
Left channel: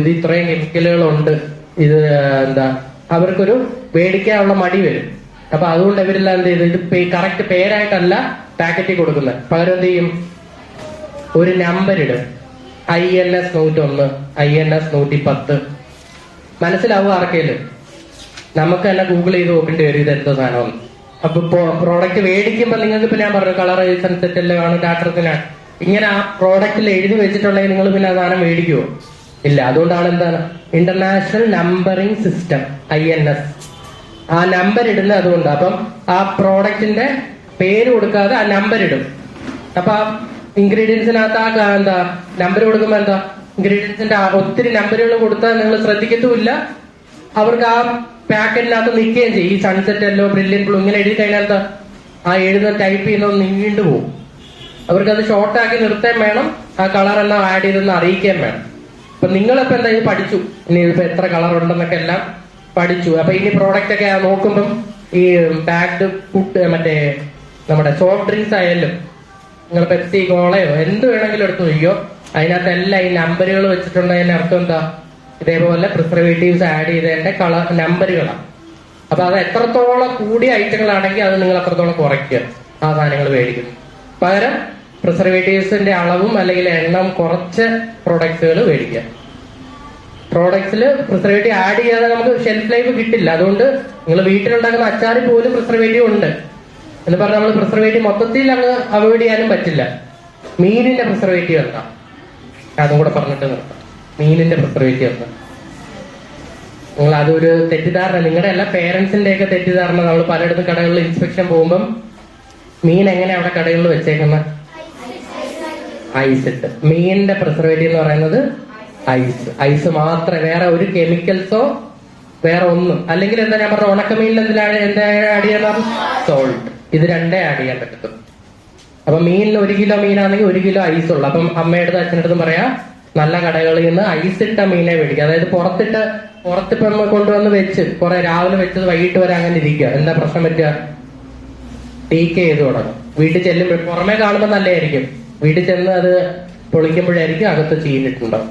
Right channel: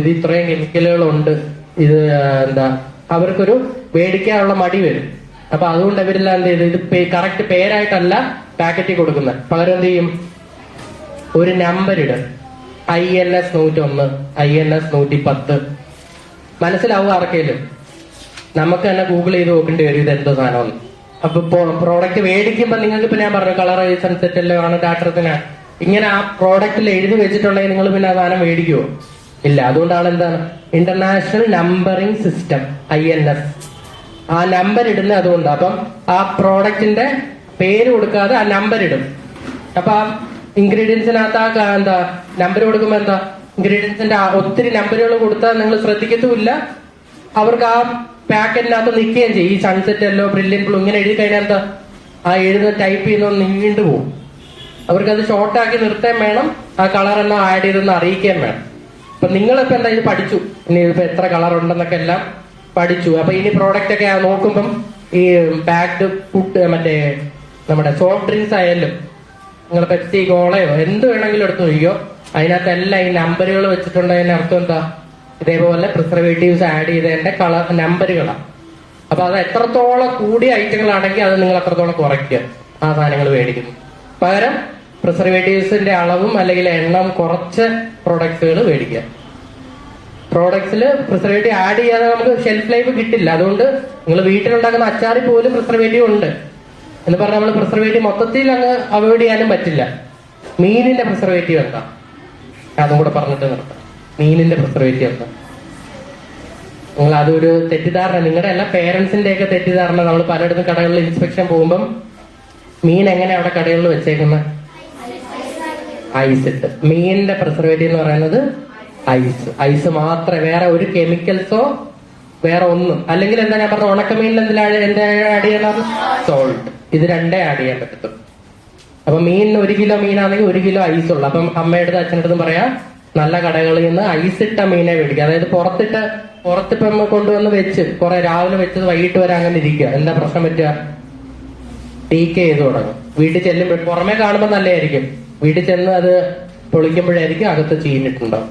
ഇത് ഇത്രയും കെമിക്കലുകളുണ്ട്, ഇത് എന്താ, അവർക്കൊരു മേടിക്കാനുള്ള മടി വരും. അപ്പൊ അതുകൊണ്ട് ഇവരെല്ലാം എന്ത് ചെയ്ത് ഇത് കറക്റ്റ് പേരായിട്ടല്ല പാക്കറ്റിൽ കൊടുക്കുന്നത്. പകരം എന്ത് ചെയ്യും, ഒരു നമ്പർ ഇടും, INS 101, INS 110. മനസ്സിലാവും ആർക്കെങ്കിലും. നമുക്ക് തന്നെ ഗൂഗിൾ ചെയ്ത് നോക്കേണ്ടി വരും ഇത് എന്തോ സാധനമാണ്. അപ്പൊ പ്രോഡക്റ്റ് മേടിക്കുമ്പോ നിങ്ങൾക്ക് ഇപ്പൊ ഞാൻ പറഞ്ഞു കളർ സൺസെറ്റ് എല്ലാം ആണ്, ഡാറ്റത്തിനാണ്, ഇങ്ങനെ ആ പ്രോഡക്റ്റിൽ എഴുതി വെച്ചിട്ടുണ്ടെങ്കിൽ നിങ്ങൾ പിന്നെ ആ സാധനം മേടിക്കുവോ? ഇല്ല. അതുകൊണ്ടാണ് എന്താണ്, ഇന്റർനാഷണൽ നമ്പറിംഗ് സിസ്റ്റം INS, ആ നമ്പർ ഇടുന്നത് അതുകൊണ്ട്. അപ്പം ആ പ്രോഡക്റ്റിന്റെ പേര് കൊടുക്കാതെ ആ നമ്പർ ഇടും. അപ്പൊ ആ ഇൻഗ്രീഡിയൻസിനകത്ത് ആ എന്താ നമ്പർ കൊടുക്കുമ്പോ എന്താ, ഇൻഗ്രീഡിയൻസിന്റെ ഒത്തിരി നമ്പറുകൾ കൊടുത്താൽ നിങ്ങൾ ശ്രദ്ധിക്കത്തുമില്ല, അവർക്ക് ആ പാക്കറ്റിനകത്ത് നിൽക്കുകയും ചെയ്യും. ഈ സൺസെറ്റ് എല്ലോ ബ്രില്യൻ ബ്ലൂ ഇങ്ങനെ എഴുതി കഴിഞ്ഞാൽ എന്താ, ആ എഴുതുന്ന ടൈപ്പ് ചെയ്യുന്നത് നീണ്ടു പോകും. അവർക്കത് ഷോർട്ടാക്കി നിർത്താൻ വേണം, ആ കളർ എന്നാ ആഡ് ചെയ്തെന്ന് അറിയിക്കാൻ വേണം. അപ്പൊ നിങ്ങളിപ്പോ എന്താ ഇത് പഠിച്ചു, ഇനി ഇതിപ്പോ എത്ര കളർ ഉണ്ടെന്നൊക്കെ എല്ലാം പഠിച്ചു. അപ്പൊ ഇനി പ്രോഡക്റ്റ് ഒക്കെ നോക്കുമ്പം ഈ പാക്ഡ് ഫുഡ് മറ്റേ നമ്മുടെ സോഫ്റ്റ് ഡ്രിങ്ക്സ് ആയാലും നിങ്ങൾ പെപ്സി കോളയോ എന്ത് വേണമെങ്കിലും എടുത്തു നോക്കിയോ, അതിനകത്തെല്ലാം ഈ നമ്പറുകൾ വെച്ചിട്ടുണ്ടതിന്റെ അർത്ഥം എന്താ, ഇതേപോലെ പ്രിസർവേറ്റീവ്സ് ആഡ് ചെയ്തതിന്റെ കളർ നമ്പറുകളാണ്. അപ്പൊ അത് എത്രത്തോളം കൂടിയ ഐറ്റങ്ങളാണെങ്കിൽ അത് നിങ്ങൾ അത്രത്തോളം കുറയ്ക്കുക ആ സാധനങ്ങൾ മേടിക്കുന്നു. പകരം പ്രിസർവേറ്റീവ്സിന്റെ അളവും അല്ലെങ്കിൽ എണ്ണം കുറച്ച് പ്രോഡക്ട്സുകൾ മേടിക്കുക. പ്രോഡക്ട്സിൽ പ്രിസർവേറ്റീവ് ആഡ് ചെയ്യാതെ നമുക്ക് ഷെൽഫ് ലൈഫ് കിട്ടില്ല. അതുകൊണ്ട് നിങ്ങൾ വീട്ടിലുണ്ടാക്കുന്ന അച്ചാറിൽ പോലും പ്രിസർവേറ്റീവ് ഉണ്ട് എന്ന് പറഞ്ഞാൽ നമ്മൾ പ്രിസർവേറ്റീവ് മൊത്തത്തിൽ അങ്ങ് അവോയ്ഡ് ചെയ്യാനും പറ്റില്ല. മീനിന്റെ പ്രിസർവേറ്റീവ് എന്താ, അതും കൂടെ പറഞ്ഞിട്ട് നിർത്താം. മീനിന്റെ പ്രിസർവേറ്റീവ് എന്താ, നിങ്ങൾ അതൊരു തെറ്റിദ്ധാരണ, നിങ്ങളുടെ എല്ലാ പേരൻസിന്റെ ഒക്കെ തെറ്റിദ്ധാരണ. നമ്മൾ പലയിടത്തും കടകളിൽ ഇൻസ്പെക്ഷൻ പോകുമ്പം മീൻ എങ്ങനെ അവിടെ കടകളിൽ വെച്ചേക്കുന്നത്, ഐസ് ഇട്ട്. മീനിന്റെ പ്രിസർവേറ്റീവ് എന്ന് പറയുന്നത് ഐസ് മാത്രമേ, വേറെ ഒരു കെമിക്കൽസോ വേറെ ഒന്നും. അല്ലെങ്കിൽ എന്താ ഞാൻ പറഞ്ഞ ഉണക്കമീനിൽ എന്താ ആഡ് ചെയ്യുന്നത്, സോൾട്ട്. ഇത് രണ്ടേ ആഡ് ചെയ്യാൻ പറ്റത്തുള്ളൂ. അപ്പൊ മീൻ 1 കിലോ മീനാണെങ്കിൽ 1 കിലോ ഐസ് ഉള്ളു. അപ്പം അമ്മയുടെ അച്ഛനടുത്തും പറയാം, നല്ല കടകളിൽ നിന്ന് ഐസിട്ട മീനെ മേടിക്കുക. അതായത് പുറത്തിപ്പം കൊണ്ടുവന്ന് വെച്ച് കുറെ രാവിലെ വെച്ചത് വൈകിട്ട് വരെ അങ്ങനെ ഇരിക്കുക. എന്താ പ്രശ്നം പറ്റുക, ടീക്ക് ചെയ്ത് തുടങ്ങും. വീട്ടിൽ ചെല്ലുമ്പോൾ പുറമെ കാണുമ്പോൾ നല്ലതായിരിക്കും, വീട്ടിൽ ചെന്ന് അത് പൊളിക്കുമ്പോഴായിരിക്കും അകത്ത് ചീനിട്ടുണ്ടാവും.